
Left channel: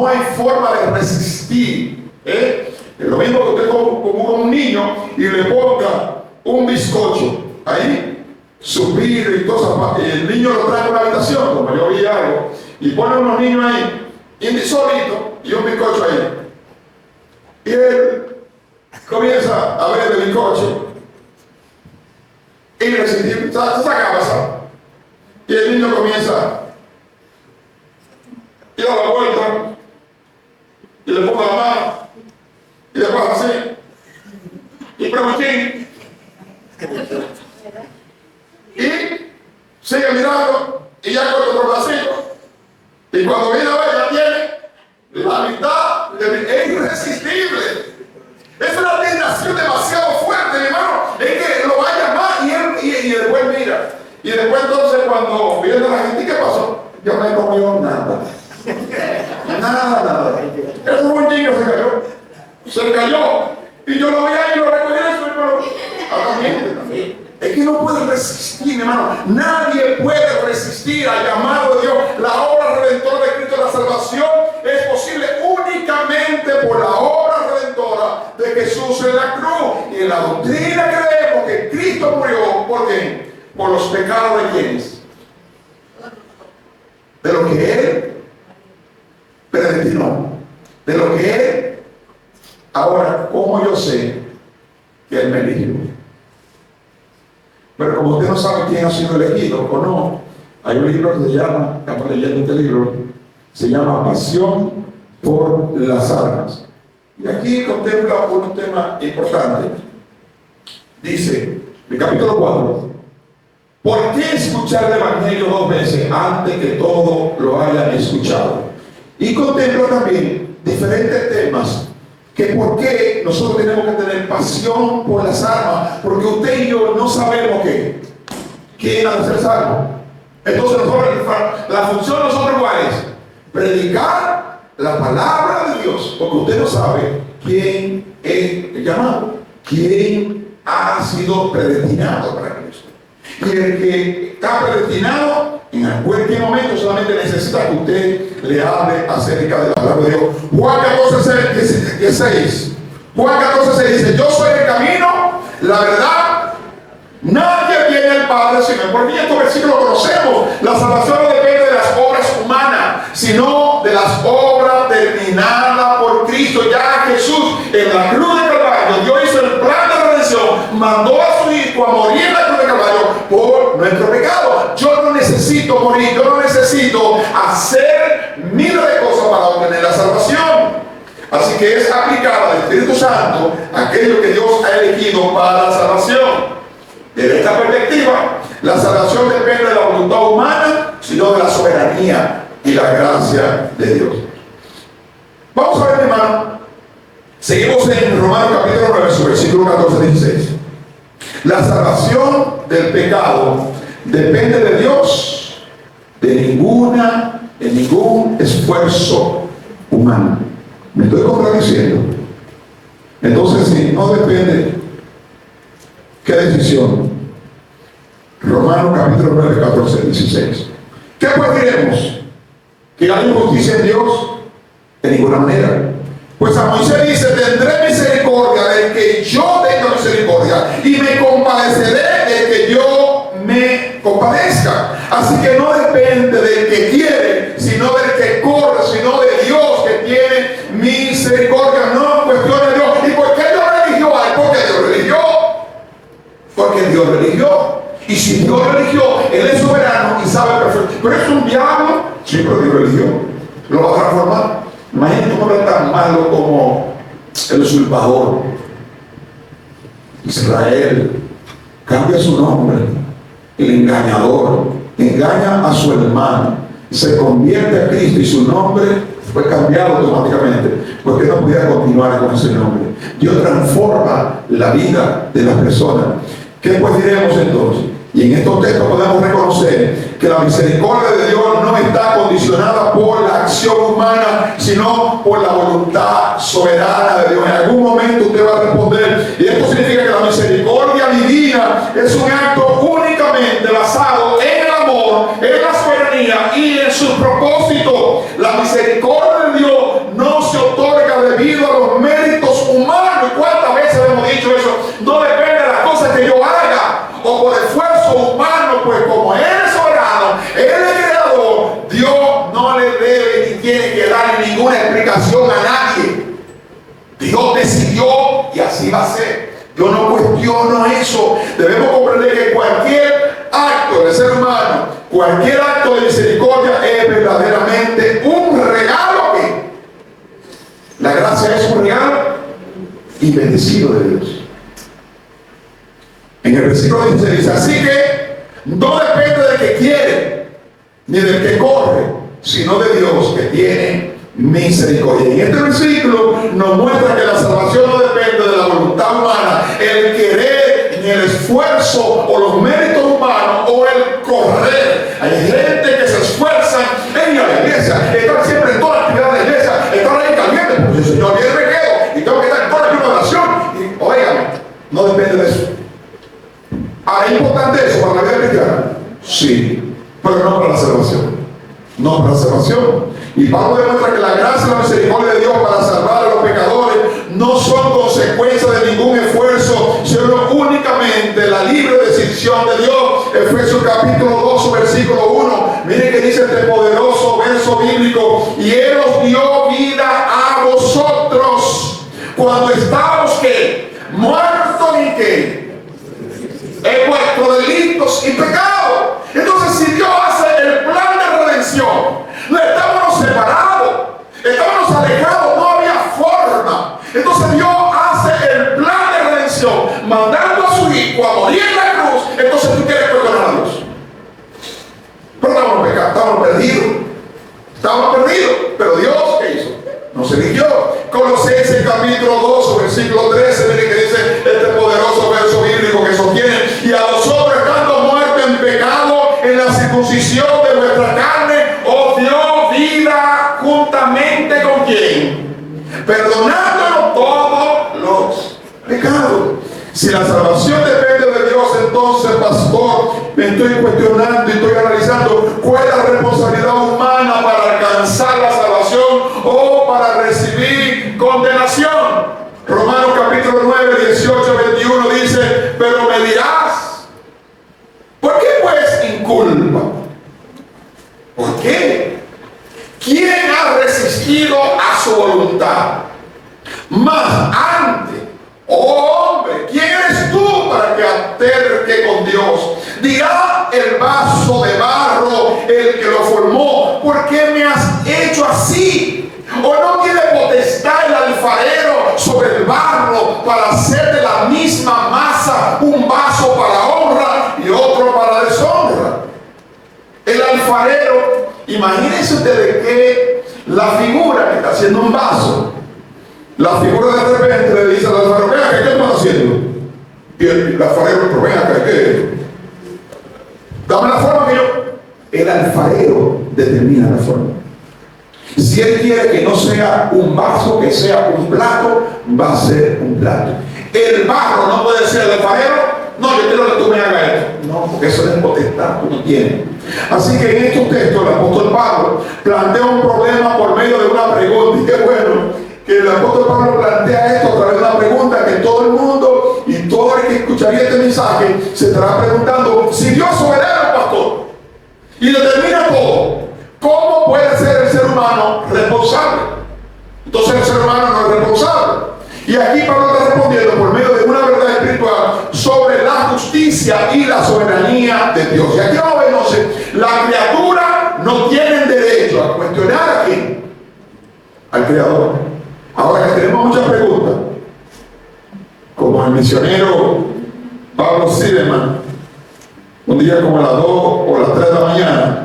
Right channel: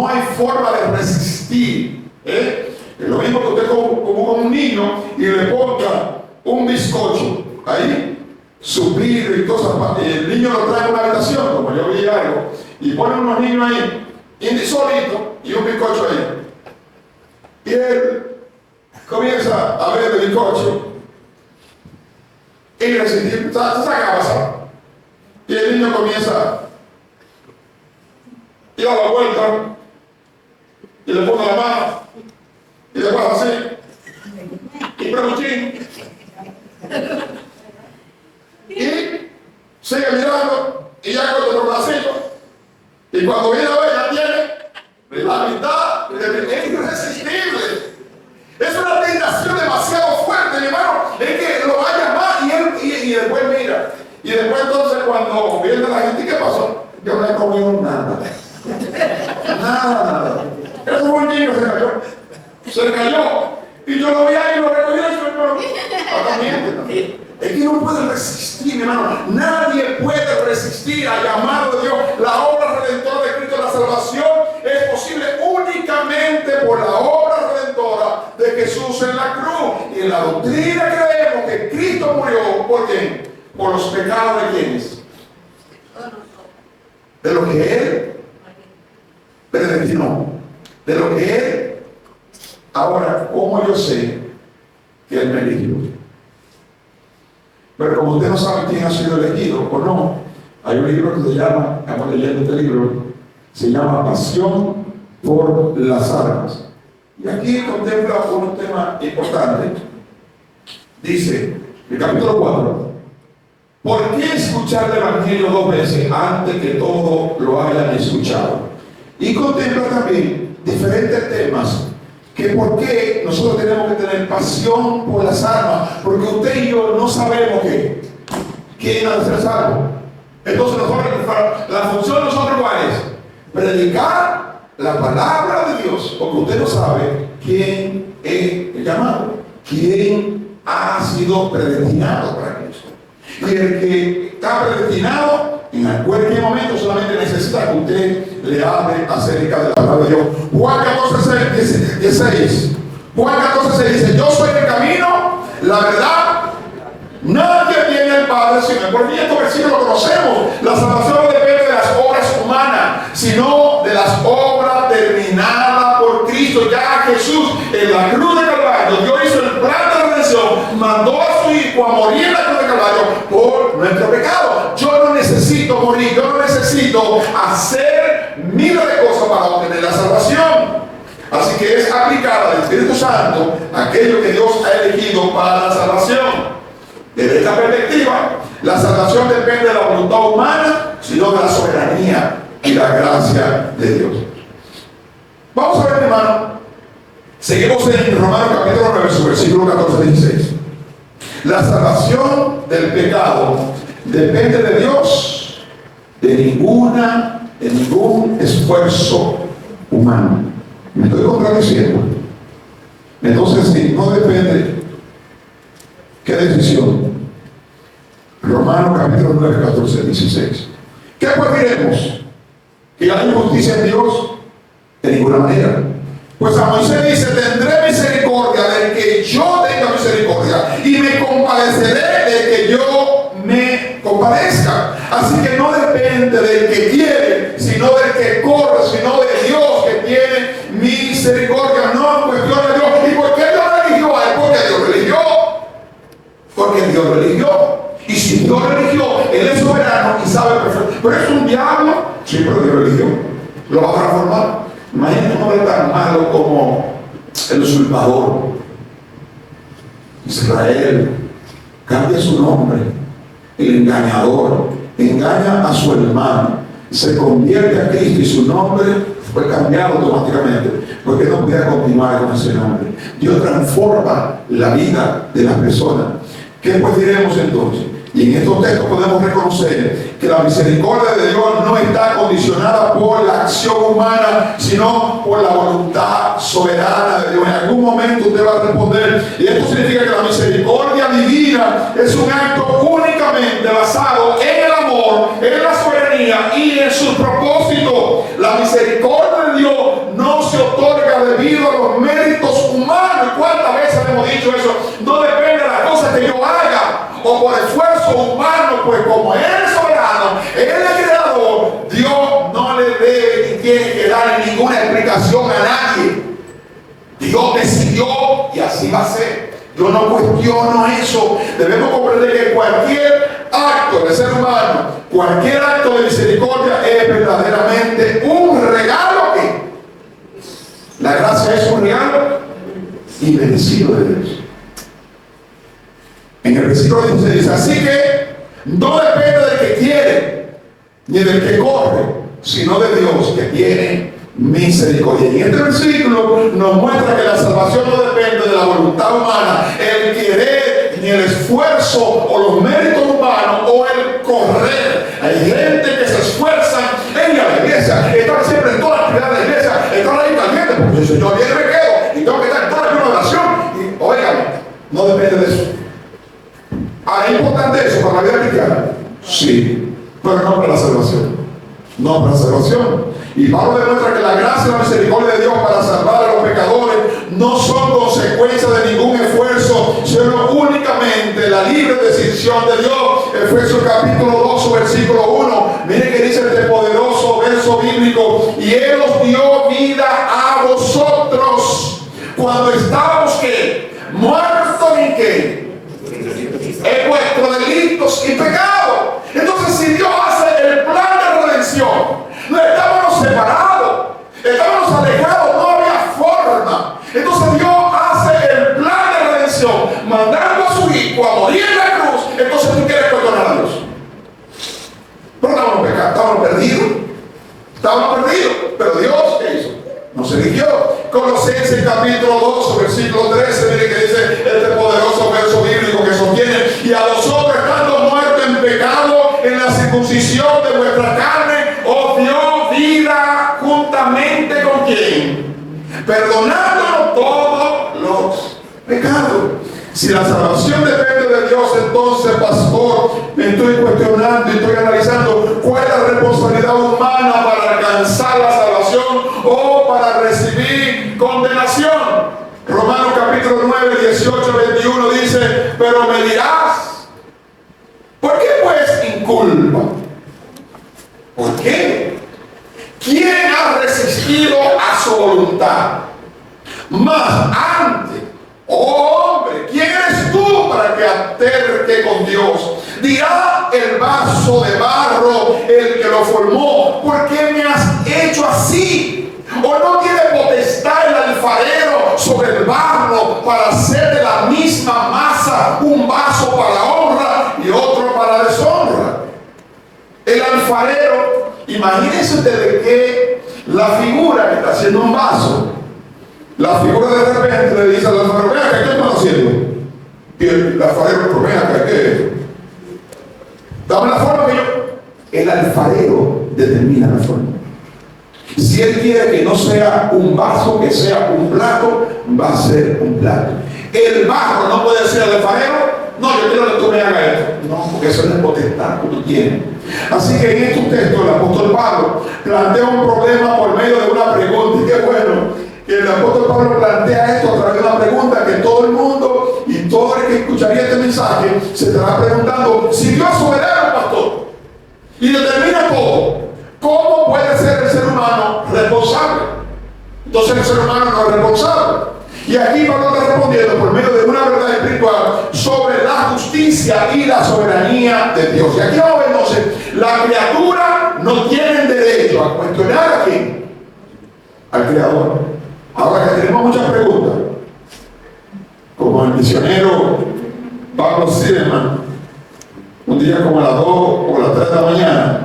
hay forma de resistir. Es lo mismo que usted como con un niño y le ponga un bizcocho ahí, su vidrio y cosas, y el niño lo trae a una habitación, como yo vi algo, y pone unos niños ahí, solito, y un bizcocho ahí. Y él comienza a ver el bizcocho y saca. Y el niño comienza, y da la vuelta y le pone la mano y le pasa así y preguntín y sigue mirando y ya corta otro pedacito y cuando viene a ver ya tiene la mitad es irresistible. Es una tentación demasiado fuerte, mi hermano. Es que lo va a llamar y después mira. Y después entonces cuando viene la gente, ¿qué pasó? Yo no he comido nada. Nada. Ese buen niño se cayó. Y yo lo vi ahí y lo recogí de su hermano. Es que no puede resistir, mi hermano. Nadie puede resistir al llamado de Dios. La obra redentora de Cristo, la salvación, es posible únicamente por la obra redentora de Jesús en la cruz. Y en la doctrina creemos que Cristo murió, ¿por qué? Por los pecados de quienes. De lo que Él predestinó. De lo que Él. Ahora, ¿cómo yo sé que Él me eligió? Pero como usted no sabe quién ha sido elegido o no, hay un libro que se llama, estamos leyendo este libro, se llama Pasión por las Armas. Y aquí contempla un tema importante. Dice, el capítulo 4, ¿por qué escuchar el Evangelio 2 veces antes que todo lo hayan escuchado? Y contempla también diferentes temas. Que por qué nosotros tenemos que tener pasión por las armas, porque usted y yo no sabemos quién ha de ser salvo. Entonces la función de nosotros ¿cuál es? Predicar la palabra de Dios, porque usted no sabe quién es el llamado, quién ha sido predestinado para Cristo. Y el que está predestinado en cualquier momento solamente necesita que usted le hable acerca de la palabra de Dios. Juan 14:16. Juan 14:6 dice: yo soy el camino, la verdad. Nadie viene al Padre sino por mí. Estos versículos lo conocemos. La salvación no depende de las obras humanas, sino de las obras terminadas por Cristo. Ya Jesús en la cruz de Calvario, Dios hizo el plan de redención, mandó a su Hijo a morir en la cruz de Calvario por nuestro pecado. Yo no necesito morir, yo no necesito hacer miles de cosas para obtener la salvación. Así que es aplicada al Espíritu Santo aquello que Dios ha elegido para la salvación. Desde esta perspectiva, la salvación depende de la voluntad humana, sino de la soberanía y la gracia de Dios. Vamos a ver, hermano. Seguimos en Romanos capítulo 9, su versículo 14-16. La salvación del pecado depende de Dios, de ningún esfuerzo humano. ¿Me estoy contradiciendo? Entonces, si no depende, ¿qué decisión? Romanos capítulo 9, 14-16. ¿Qué pues diremos? ¿Que hay injusticia en Dios? De ninguna manera. Pues a Moisés dice: tendré misericordia del que yo tenga misericordia, y me compadeceré del que yo me compadezca. Así que no depende del que quiere, sino del que corre, sino de Dios que tiene misericordia. No cuestiona a Dios. ¿Y por qué Dios lo eligió a él? Porque Dios lo eligió. Porque Dios lo eligió. Y si Dios lo eligió, Él es soberano y sabe perfecto. Pero es un diablo. Sí, pero Dios lo eligió. Lo va a transformar. Imagínate cómo es tan malo como el usurpador. Israel cambia su nombre. El engañador engaña a su hermano, se convierte a Cristo y su nombre fue cambiado automáticamente porque no podía continuar con ese nombre. Dios transforma la vida de las personas. ¿Qué pues diremos entonces? Y en estos textos podemos reconocer que la misericordia de Dios no está condicionada por la acción humana, sino por la voluntad soberana de Dios. En algún momento usted va a responder, y esto significa que la misericordia divina es un acto únicamente basado en el amor, en la soberanía y en sus propósitos. La misericordia de Dios no se otorga debido a los méritos humanos. ¿Cuántas veces hemos dicho eso? No depende de las cosas que yo haga o por esfuerzo humano, pues como Él es soberano, Él es creador, Dios no le debe ni tiene que dar ninguna explicación a nadie. Dios decidió y así va a ser. Yo no cuestiono eso. Debemos comprender que cualquier acto del ser humano, cualquier acto de misericordia es verdaderamente un regalo y bendecido de Dios. En el versículo 16 dice, así que no depende del que quiere, ni del que corre, sino de Dios que tiene misericordia. Y en este versículo nos muestra que la salvación no depende de la voluntad humana, el querer, ni el esfuerzo o los méritos humanos o el correr. Hay gente que se esfuerza en ir a la iglesia, están siempre en toda la actividad de la iglesia, están ahí calientes, porque el Señor viene me quedo y tengo que estar en toda la oración. Y óigame, no depende de eso. ¿Es importante eso para la vida cristiana? Sí, pero no para la salvación. No para la salvación. Y Pablo demuestra que la gracia y la misericordia de Dios para salvar a los pecadores no son consecuencia de ningún esfuerzo, sino únicamente la libre decisión de Dios. Efesios capítulo 2, versículo 1. Miren que dice este poderoso verso bíblico: y Él os dio vida a vosotros cuando estábamos ¿qué? Muertos en ¿qué? En vuestros delitos y pecados. Entonces, si Dios hace el plan de redención, no estábamos separados, estábamos alejados, no había forma. Entonces Dios hace el plan de redención, mandando a su hijo a morir en la cruz. Entonces tú quieres perdonar a Dios. Pero estábamos pecados, estábamos perdidos, pero Dios, ¿qué hizo? Nos eligió. Colosenses capítulo 2, versículo 13, miren que dice este poderoso verso bíblico que sostiene: y a vosotros, estando muertos en pecado, en la circuncisión de vuestra carne, os dio vida juntamente con ¿quién? Perdonándonos todos los pecados. Si la salvación depende de Dios, entonces, pastor, me estoy cuestionando y estoy analizando cuál es la responsabilidad humana para alcanzar la salvación o para recibir condenación. Romanos capítulo 9, 18, 21 dice: pero me dirás, ¿por qué pues inculpa? ¿Por qué? ¿Quién ha resistido a su voluntad? Mas antes, oh hombre, ¿quién eres tú para que alterque con Dios? Dirá el vaso de barro, el que lo formó: ¿por qué me has hecho así? ¿O no tiene potestad el alfarero sobre el barro para hacer de la misma masa un vaso para honra y otro para deshonra? El alfarero, imagínense ustedes que la figura que está haciendo un vaso, la figura de repente le dice al alfarero: vea, ¿qué estás haciendo? Y el alfarero: vea, ¿qué? Dame la forma que yo. El alfarero determina la forma. Si él quiere que no sea un vaso, que sea un plato, va a ser un plato. El barro no puede ser el alfarero. No, yo quiero que tú me hagas esto. No, porque eso es potestad que tú tienes. Así que en estos textos el apóstol Pablo plantea un problema por medio de una pregunta. Y qué bueno que el apóstol Pablo plantea esto a través de una pregunta que todo el mundo y todo el que escucharía este mensaje se estará preguntando: si Dios es soberano, pastor, y determina todo, ¿cómo puede ser el ser humano responsable? Entonces el ser humano no es responsable. Y aquí Pablo está respondiendo por medio de una verdad espiritual sobre la justicia y la soberanía de Dios. Y aquí vamos a ver entonces: la criatura no tiene derecho a cuestionar a quién, al Creador. Ahora que tenemos muchas preguntas, como el misionero Pablo Silverman, un día como a las 2 o las 3 de la mañana,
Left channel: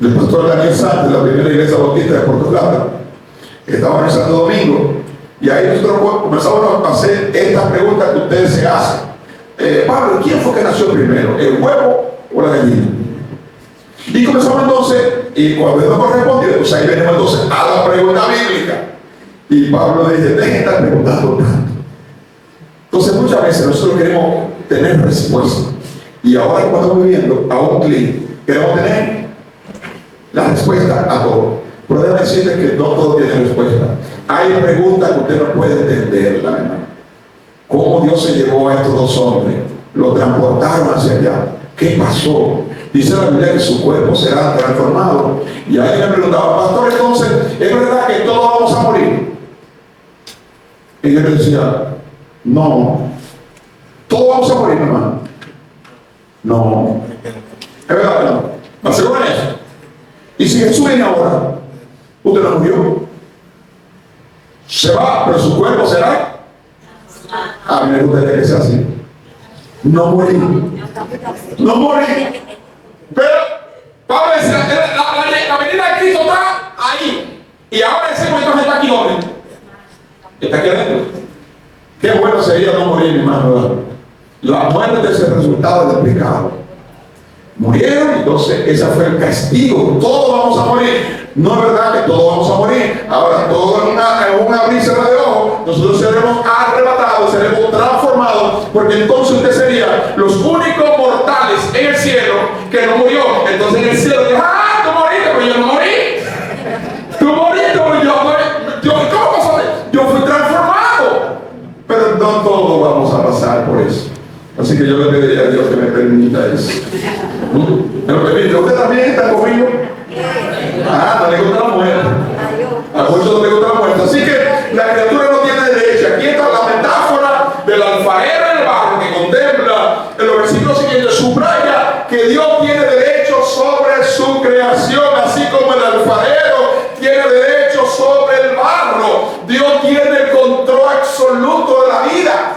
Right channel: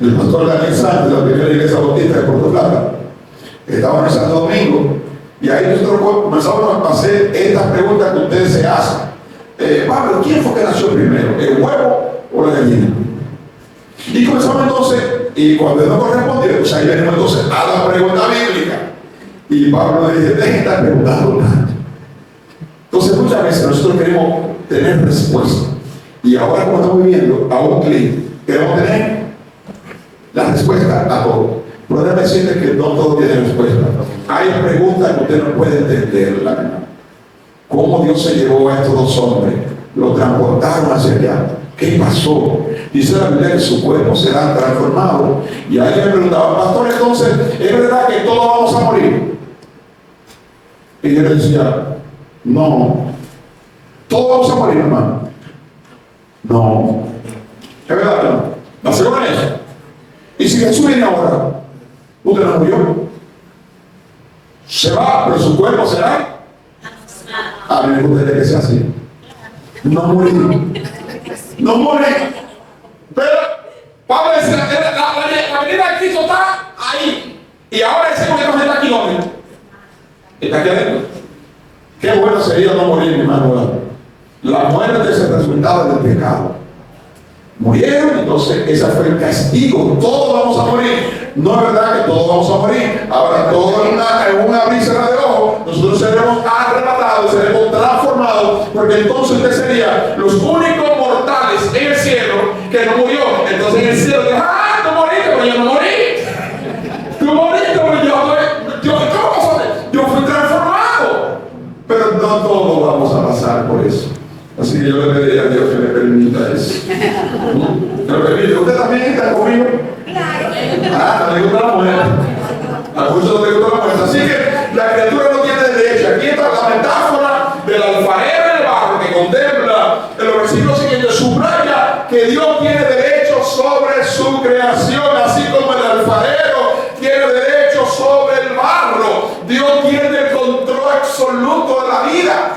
el pastor Daniel Sánchez, de la primera iglesia bautista de Puerto Plata, estaba en el Santo Domingo, y ahí nosotros comenzamos a hacer estas preguntas que ustedes se hacen. Pablo, ¿quién fue que nació primero, el huevo o la gallina? Y comenzamos entonces, y cuando no correspondió, pues ahí venimos entonces a la pregunta bíblica. Y Pablo dice: dejen de estar preguntando tanto. Entonces muchas veces nosotros queremos tener respuesta. Y ahora, como estamos viviendo a un clic, queremos tener la respuesta a todo. Pero déjame decirte que no todo tiene respuesta. Hay preguntas que usted no puede entender, la verdad. ¿Cómo Dios se llevó a estos dos hombres? Lo transportaron hacia allá. ¿Qué pasó? Dice la Biblia que su cuerpo será transformado. Y alguien me preguntaba: pastor, entonces, ¿es verdad que todos vamos a morir? Y yo le decía: no. ¿Todos vamos a morir, hermano? No. ¿Es verdad? No. ¿Va a ser con eso? Y si Jesús viene ahora, usted no murió. Se va, pero su cuerpo será A mí me gustaría que sea así. No morir. No morir. Pero Pablo decía, la venida de Cristo está ahí. Y ahora ese momento está aquí, ¿no? Está aquí adentro. Qué bueno sería no morir, mi hermano. La muerte es el resultado del pecado. Murieron, entonces ese fue el castigo. Todos vamos a morir. No es verdad que todos vamos a morir. Ahora, todo en una brisa de ojo, nosotros seremos arrebatados, seremos transformados, porque entonces usted sería los únicos mortales en el cielo que no murió. Entonces en el cielo dice, ah, tú moriste, pero yo no morí. Tú moriste, pero ¿cómo pasó? Yo fui transformado. Pero no todos vamos a pasar por eso. Así que yo le pediría a Dios que me permita eso. ¿Me lo permite? ¿Usted también está conmigo? Ah, no le gusta la muerte. A muchos no le gusta la muerte. Así que la criatura no tiene derecho. Aquí está la metáfora del alfarero en el barro que contempla en los versículos siguientes. Subraya que Dios tiene derecho sobre su creación, así como el alfarero tiene derecho sobre el barro. Dios tiene el control absoluto de la vida.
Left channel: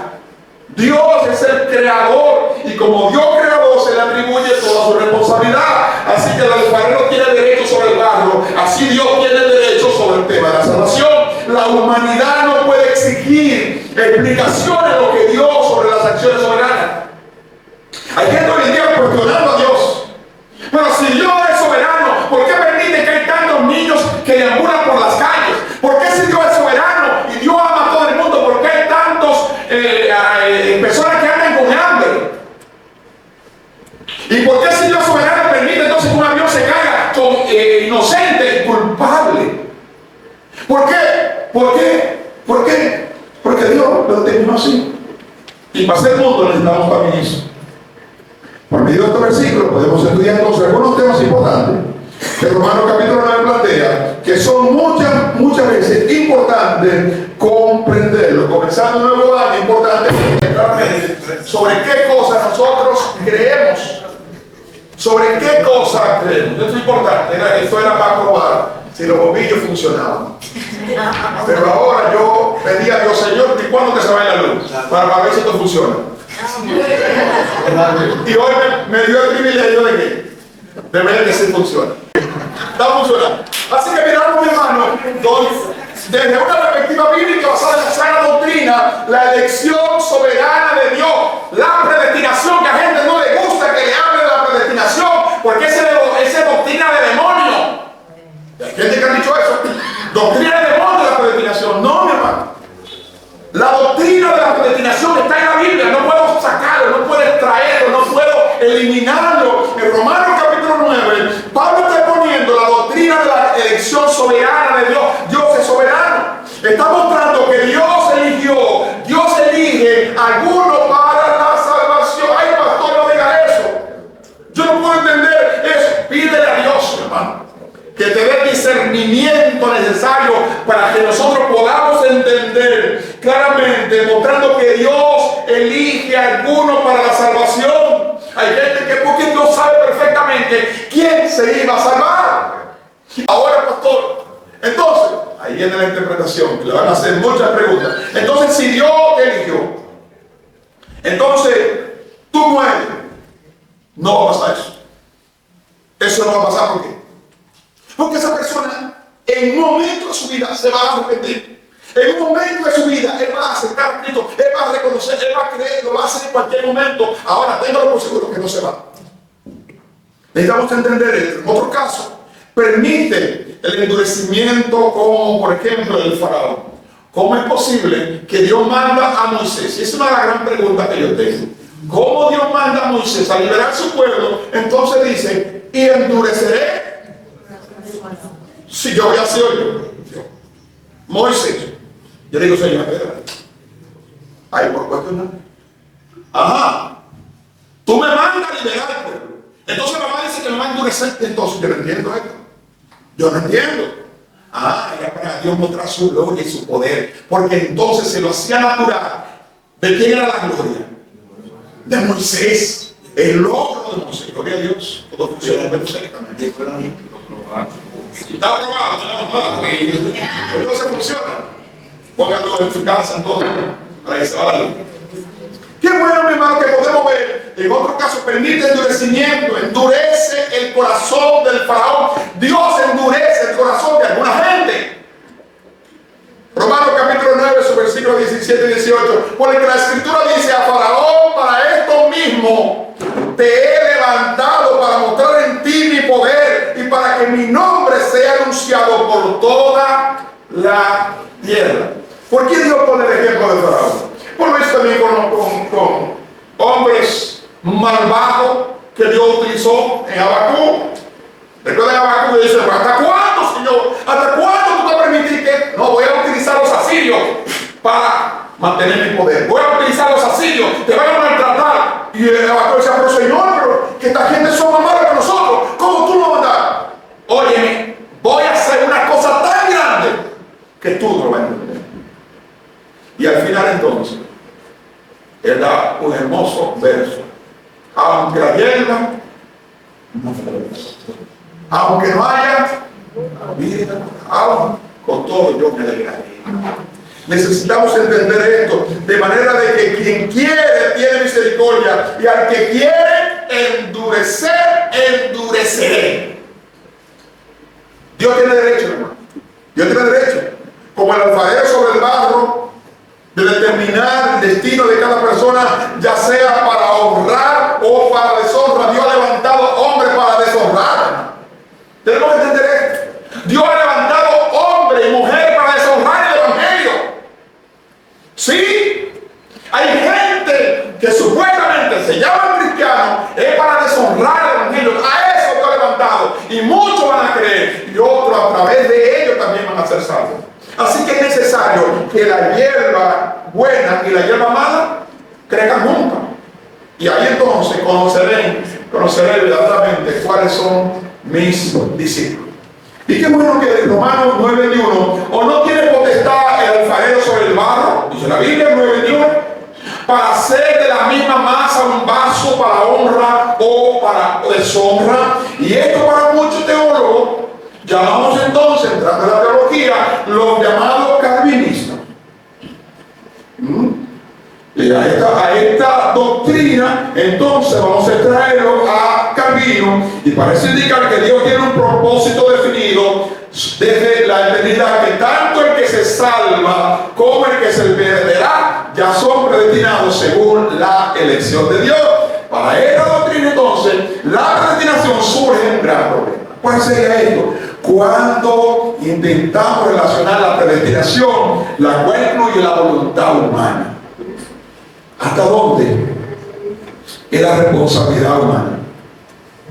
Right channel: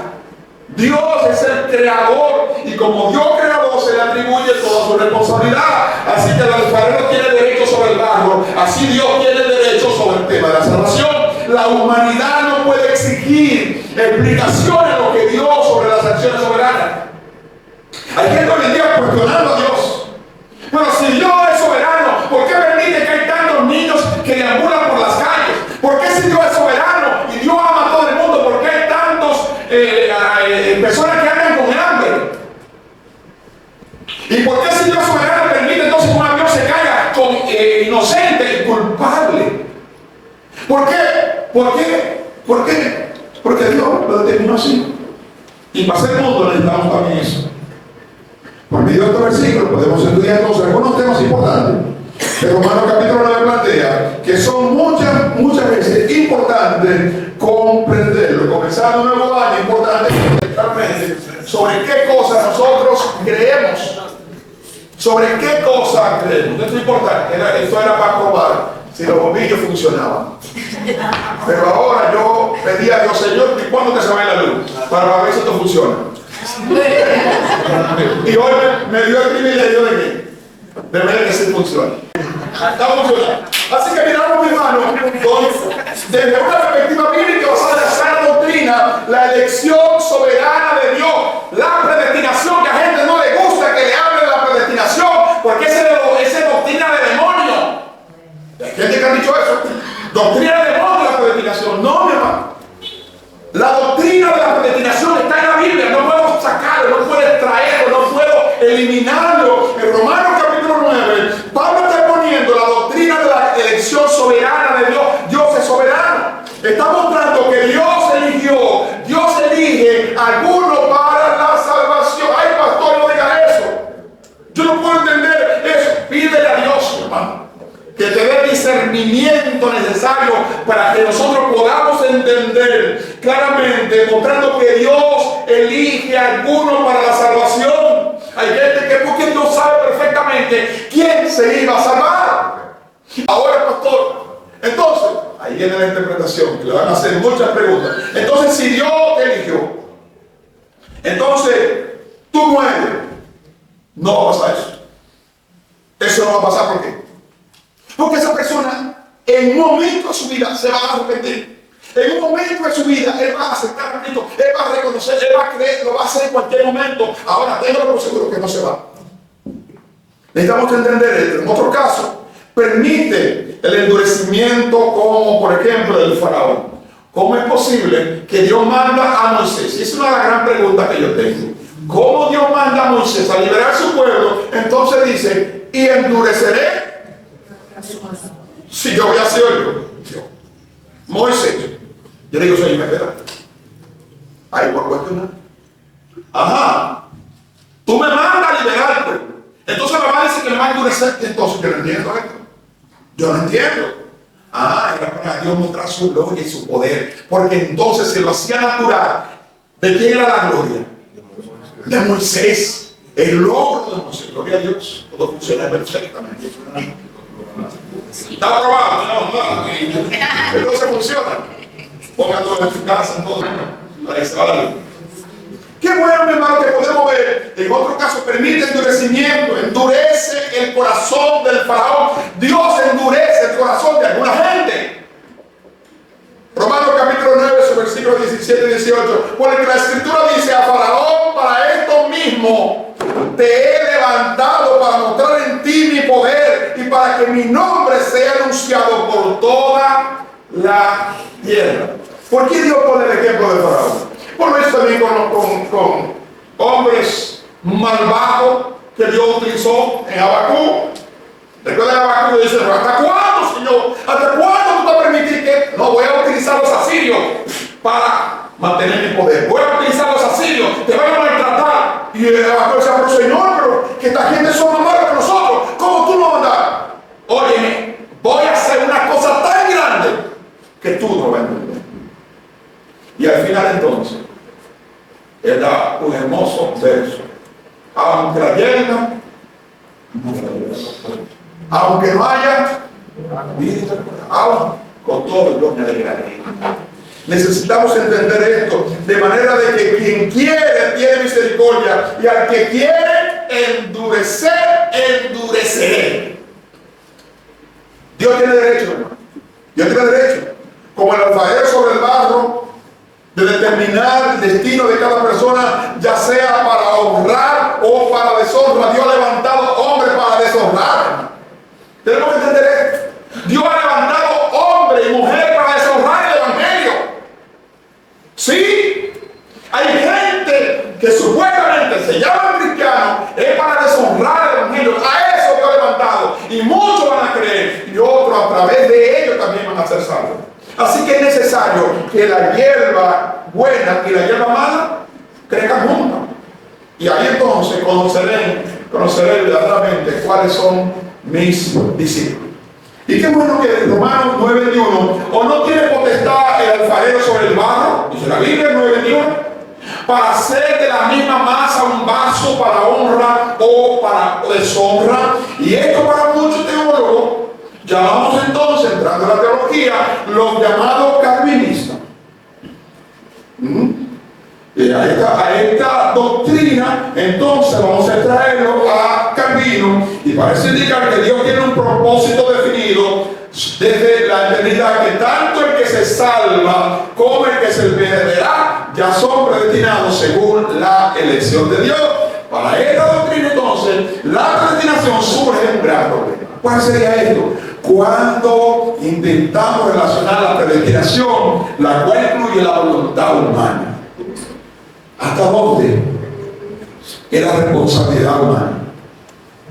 Dios es el creador y como Dios creador se le atribuye toda su responsabilidad. Así que el alfarero tiene derecho sobre el barro, así Dios tiene derecho sobre el tema de la salvación. La humanidad no puede exigir explicaciones de lo que Dios sobre las acciones soberanas. Hay gente hoy en día cuestionando a Dios. Pero si Dios es soberano, ¿por qué permite que hay tantos niños que deambulan por las calles? ¿Por qué si Dios es soberano y Dios ama a todo el mundo, por qué hay tantos personas que andan con hambre? ¿Y por qué si Dios soberano permite entonces que un avión se caiga con inocente y culpable? ¿Por qué? ¿Por qué? ¿Por qué? Porque Dios lo determinó así. Y para ser mundo necesitamos también eso. Por medio de estos versículos podemos estudiar entonces algunos temas importantes que Romanos capítulo 9 plantea, que son muchas veces importantes comprenderlo. Comenzando un nuevo año, importante claramente sobre qué cosas nosotros creemos. Sobre qué cosas creemos. Esto es importante. Esto era para probar si los bombillos funcionaban. Pero ahora yo pedí a Dios, Señor, ¿y cuándo que se va la luz? Para ver si esto funciona. Y hoy me dio el privilegio de qué? De ver que sí funciona. Está funcionando. Así que miramos, mi hermano, desde una perspectiva bíblica basada en la sana doctrina, la elección soberana de Dios, la predestinación, que a gente no le gusta que le hable de la predestinación, porque esa es doctrina de demonio. Hay gente que ha dicho eso. Doctrina de demonio la predestinación. No, mi hermano. La doctrina de la predestinación está en la Biblia. No puedo sacarlo, no puedo extraerlo, no puedo eliminarlo. En Romanos capítulo 9, Pablo está poniendo la doctrina de la elección soberana de Dios. Dios es soberano. Está mostrando que Dios eligió, Dios elige a algunos para la salvación. Ay, pastor, no diga eso. Yo no puedo entender eso. Pídele a Dios, hermano, que te dé el discernimiento necesario para que nosotros podamos entender claramente, mostrando que Dios elige a algunos para la salvación. Hay gente que porque Dios sabe perfectamente quién se iba a salvar. Ahora, pastor, entonces, ahí viene la interpretación, que le van a hacer muchas preguntas. Entonces, si Dios te eligió, entonces tú mueres. No va a pasar eso. Eso no va a pasar, ¿por qué? Porque esa persona en un momento de su vida se va a arrepentir. En un momento de su vida él va a aceptar a Cristo, él va a reconocer, él va a creer, lo va a hacer en cualquier momento. Ahora téngalo por seguro que no se va. Necesitamos entender esto. En otro caso, permite el endurecimiento, como por ejemplo el faraón. ¿Cómo es posible que Dios manda a Moisés? Y esa es una de las grandes preguntas que yo tengo. ¿Cómo Dios manda a Moisés a liberar a su pueblo? Entonces dice, y endureceré. Si yo voy a hacer yo, Moisés, yo le digo, Señor, espérate. Ahí por cuestionar. Ajá. Tú me mandas a liberar al pueblo. Entonces la mamá dice que me va a endurecer. Entonces yo no entiendo esto. Yo no entiendo. Ah, era para Dios mostrar su gloria y su poder. Porque entonces se lo hacía natural. ¿De quién era la gloria? De Moisés. El logro de Moisés. Gloria a Dios. Todo funciona perfectamente. Está aprobado, no. Entonces funciona. Pongan todo en su casa, todo, para que se va la luz. Qué bueno, mi hermano, que podemos ver. En otro caso, permite endurecimiento, endurece el corazón del faraón. Dios endurece el corazón de alguna gente. Romanos capítulo 9, su versículo 17 y 18. Porque la escritura dice: a Faraón, para esto mismo te he levantado, para mostrar en ti mi poder y para que mi nombre sea anunciado por toda la tierra. ¿Por qué Dios pone el ejemplo de Faraón? Por lo visto también con hombres malvados que Dios utilizó en Habacuc. Recuerden Habacuc y dice: ¿hasta cuándo, Señor? ¿Hasta cuándo tú vas a permitir que no voy a utilizar los asirios para mantener mi poder? Voy a utilizar los asirios, te van a maltratar. Y Habacuc decía: pero Señor, pero que esta gente son más malos que nosotros, ¿cómo tú lo mandas? Óyeme, voy a hacer una cosa tan grande que tú no vas a entender. Y al final entonces él da un hermoso verso: aunque la hierba no florezca, aunque no haya vida, aún con todo yo me alegraré. Necesitamos entender esto, de manera de que quien quiere tiene misericordia, y al que quiere endurecer, endureceré. Dios tiene derecho, hermano. Dios tiene derecho, como el alfarero sobre el barro, de determinar el destino de cada persona, ya sea para honrar o para deshonra. Dios ha levantado hombres para deshonrar. Tenemos que entender esto. Dios ha levantado hombre y mujer para deshonrar el evangelio. Sí, hay gente que supuestamente se llama cristiano, es para deshonrar el evangelio. A eso Dios ha levantado, y muchos van a creer, y otros a través de ellos también van a ser salvos. Así que es necesario que la hierba buena y la hierba mala crezcan juntas. Y ahí entonces conoceré verdaderamente cuáles son mis discípulos. Y qué bueno que Romanos 9:21, o no tiene potestad el alfarero sobre el barro, dice la Biblia 9:21, para hacer de la misma masa un vaso para honra o para deshonra. Y esto para muchos teólogos llamamos entonces, entrando en la teología, los llamados calvinistas. Y a esta doctrina entonces vamos a extraerlo a Calvino, y parece indicar que Dios tiene un propósito definido desde la eternidad, que tanto el que se salva como el que se perderá ya son predestinados según la elección de Dios. Para esta doctrina entonces la predestinación surge un gran problema. ¿Cuál sería esto? Cuando intentamos relacionar la predestinación, la cual incluye la voluntad humana. ¿Hasta dónde es la responsabilidad humana?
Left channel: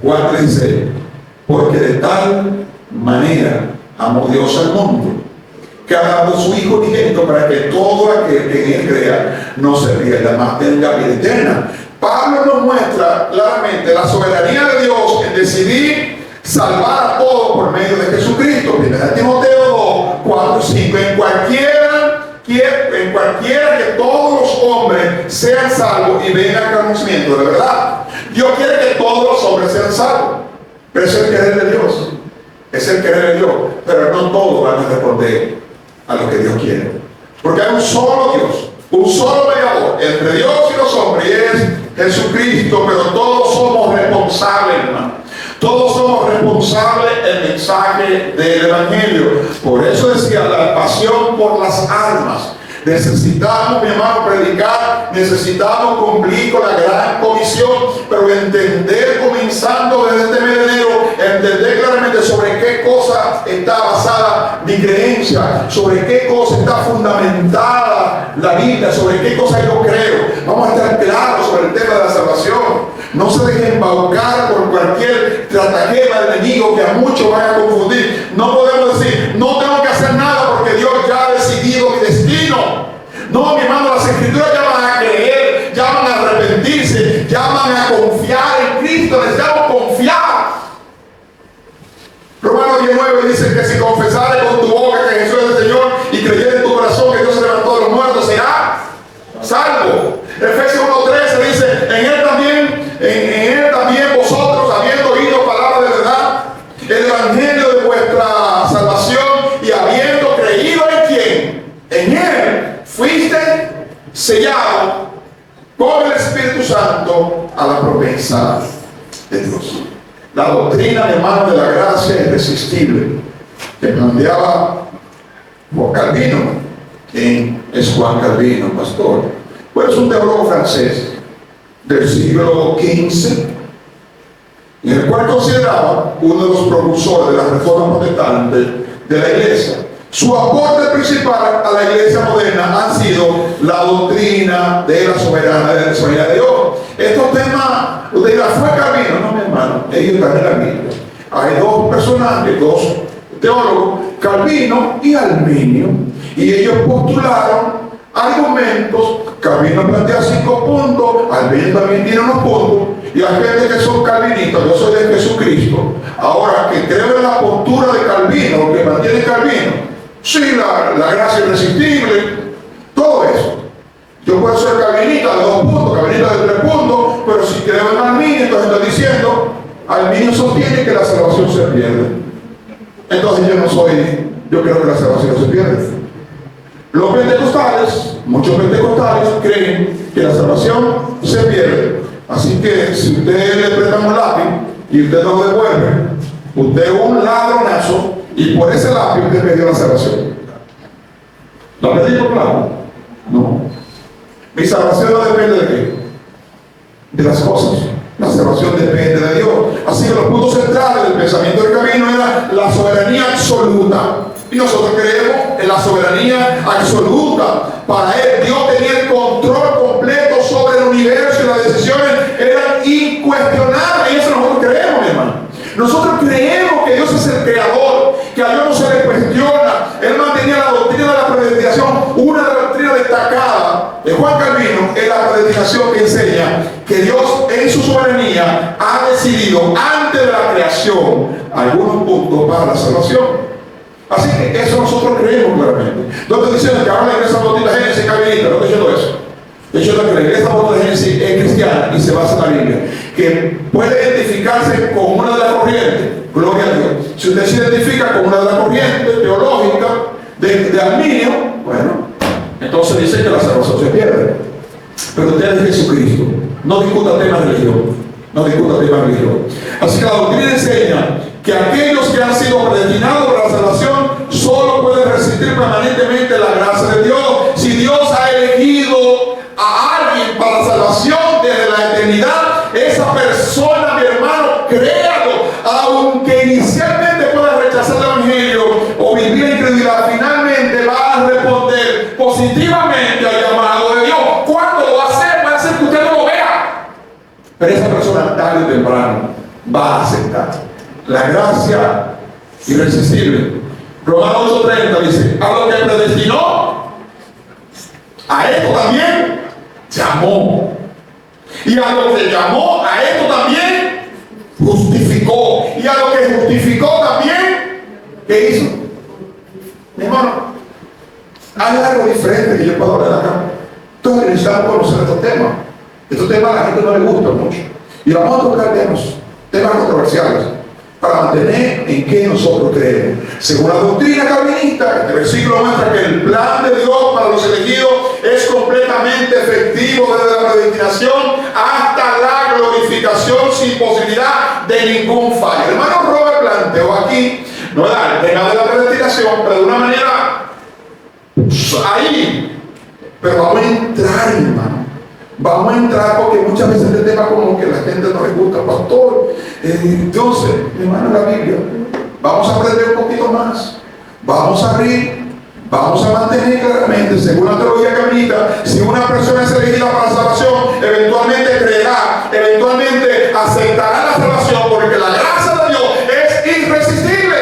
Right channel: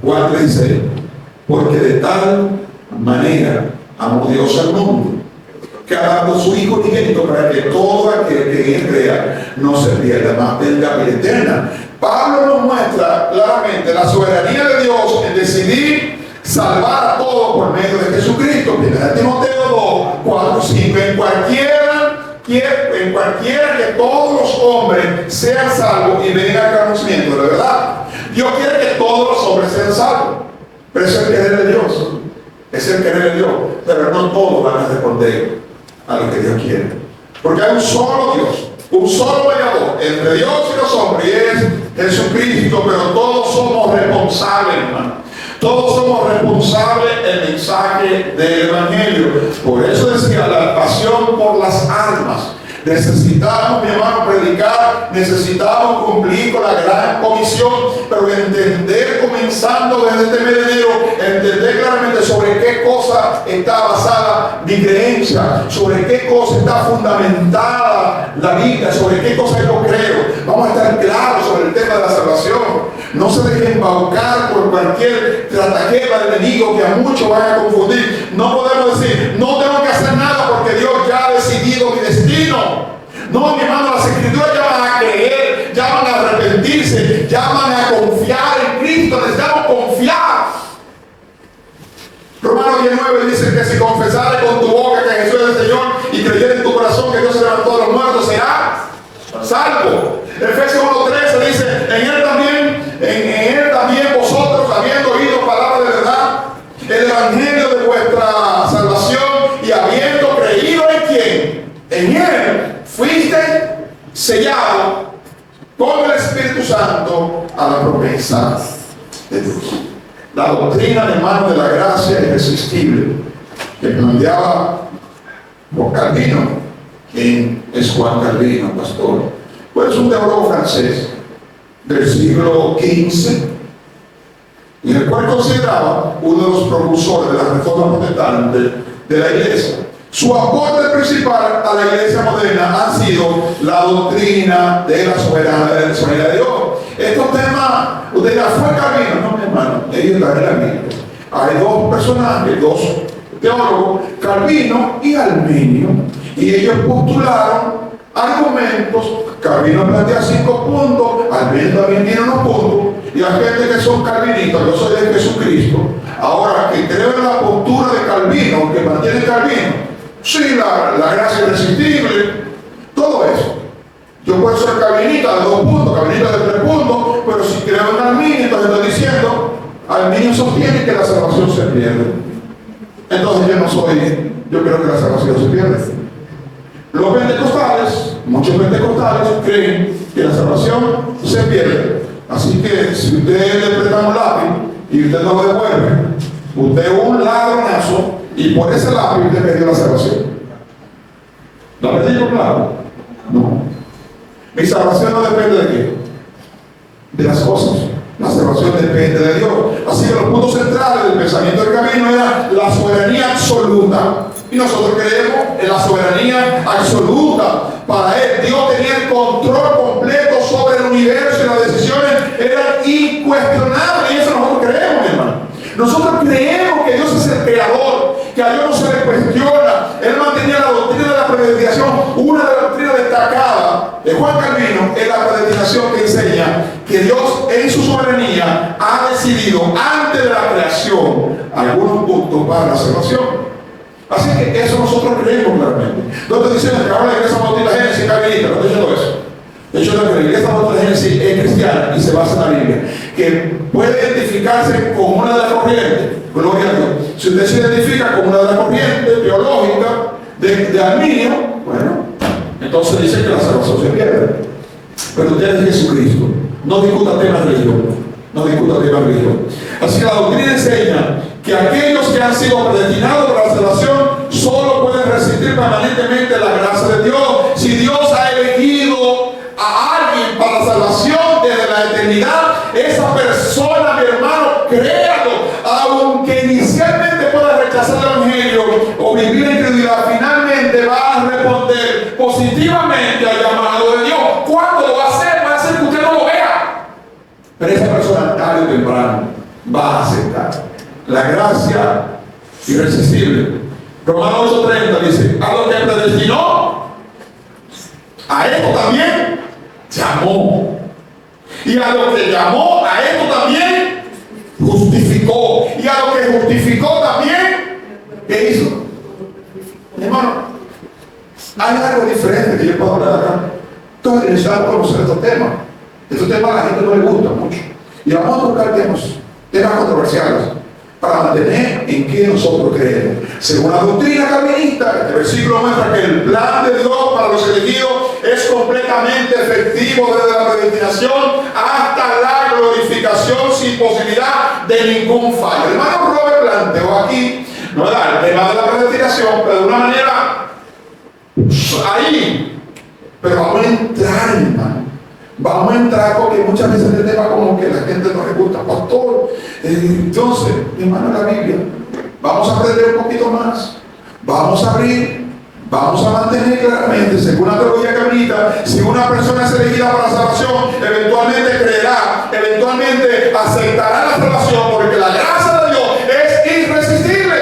Juan 3:6: porque de tal manera amó Dios al mundo, que ha dado su Hijo unigénito, para que todo aquel que en él crea no se pierda, mas tenga vida eterna. Pablo nos muestra claramente la soberanía de Dios en decidir salvar a todos por medio de Jesucristo. Primera Timoteo 2:4-5: en cualquiera que todos los hombres sean salvos y vengan al conocimiento de la verdad. Dios quiere que todos los hombres sean salvos, pero es el querer de Dios. Es el querer de Dios, pero no todos van a responder a lo que Dios quiere, porque hay un solo Dios, un solo mediador entre Dios y los hombres, y es Jesucristo. Pero todos somos responsables, hermano. Todos somos responsables del mensaje del Evangelio. Por eso decía, la pasión por las almas. Necesitamos, mi hermano, predicar, necesitamos cumplir con la gran comisión, pero entender, comenzando desde este mes de enero, entender claramente sobre qué cosa está basada mi creencia, sobre qué cosa está fundamentada la Biblia, sobre qué cosa yo creo. Vamos a estar claros sobre el tema de la salvación. No se dejen embaucar por cualquier estratagema del enemigo que a muchos vaya a confundir. No podemos decir: no tengo que hacer nada porque Dios ya ha decidido mi destino. No, mi hermano, las escrituras llaman a creer, llaman a arrepentirse, llaman a confiar en Cristo. Necesitamos confiar. Romanos 19 dice que si confesares con tu boca que Jesús es el Señor y creyeres en tu corazón que Dios se levantó de los muertos, serás salvo. Efesios 1:13 dice: en él también vosotros, habiendo oído palabra de verdad, el evangelio de vuestra salvación, y habiendo creído en quién, en él, fuiste sellado con el Espíritu Santo a la promesa de Dios. La doctrina, hermano, de la gracia irresistible que planteaba Juan Calvino, ¿quién es Juan Calvino, pastor? Pues es un teólogo francés del siglo XV, en el cual consideraba uno de los propulsores de la reforma protestante de la iglesia. Su aporte principal a la iglesia moderna han sido la doctrina de la soberanía de Dios. Estos temas, usted dirá, ¿fue Calvino? No, mi hermano, ellos están en la Biblia. Hay dos personajes, dos teólogos, Calvino y Arminio, y ellos postularon argumentos. Calvino plantea 5 puntos, Arminio también tiene unos puntos, y hay gente que son calvinistas. Yo soy de Jesucristo. Ahora, que creo en la postura de Calvino, que mantiene Calvino, sí, la gracia irresistible, todo eso. Yo puedo ser calvinista de 2 puntos, calvinista de 3 puntos, pero si creo en Arminio, entonces estoy diciendo, Arminio sostiene que la salvación se pierde. Entonces yo creo que la salvación se pierde. Los pentecostales, muchos pentecostales creen que la salvación se pierde. Así que si usted le presta un lápiz y usted lo devuelve, usted es un ladronazo y por ese lápiz usted perdió la salvación. ¿La perdió, claro? No. Mi salvación no depende de qué, de las cosas. La salvación depende de Dios. Así que los puntos centrales del pensamiento del camino era la soberanía absoluta. Y nosotros creemos en la soberanía absoluta. Para Él, Dios tenía el control completo sobre el universo y las decisiones eran incuestionables. Y eso nosotros creemos, mi hermano. Nosotros creemos que Dios es el creador, que a Dios no se le cuestiona. Él mantenía la doctrina de la predestinación. Una de las doctrinas destacadas de Juan Calvino es la predestinación, que enseña que Dios en su soberanía ha decidido antes de la creación algunos puntos para la salvación. Así que eso nosotros creemos claramente. No estoy diciendo que ahora la iglesia bautista Génesis es calvinista, no estoy diciendo eso. De hecho, la iglesia bautista Génesis es cristiana y se basa en la Biblia, que puede identificarse con una de las corrientes, gloria a Dios. Si usted se identifica con una de las corrientes teológicas de Arminio, bueno, entonces dice que la salvación se pierde. Pero usted es Jesucristo. No discuta temas de religión. No discuta temas de religión. Así que la doctrina enseña que aquellos que han sido predestinados para la salvación solo pueden resistir permanentemente la gracia de Dios. Si Dios ha elegido a alguien para la salvación desde la eternidad, esa persona, mi hermano, créalo, aunque inicialmente pueda rechazar el evangelio o vivir en incredulidad, finalmente va a responder positivamente al llamado de Dios. ¿Cuándo lo va a hacer? Va a hacer que usted no lo vea, pero esa persona tarde o temprano va a aceptar la gracia irresistible. Romanos 8:30 dice: a lo que predestinó, a esto también llamó. Y a lo que llamó, a esto también justificó. Y a lo que justificó también, ¿qué hizo? Mi hermano, hay algo diferente que yo puedo hablar acá. Entonces necesitamos conocer estos temas. Estos temas a la gente no le gustan mucho. Y vamos a tocar temas controversiales, para mantener en qué nosotros creemos. Según la doctrina calvinista, este versículo muestra que el plan de Dios para los elegidos es completamente efectivo desde la predestinación hasta la glorificación, sin posibilidad de ningún fallo. El hermano Robert planteó aquí, no el tema de la predestinación, pero de una manera ahí. Pero vamos a entrar, hermano. Vamos a entrar porque muchas veces este tema como que la gente no le gusta, pastor. Entonces, hermano, la Biblia, vamos a aprender un poquito más. Vamos a abrir, vamos a mantener claramente, según la teología calvinista, si una persona es elegida para la salvación, eventualmente creerá, eventualmente aceptará la salvación, porque la gracia de Dios es irresistible.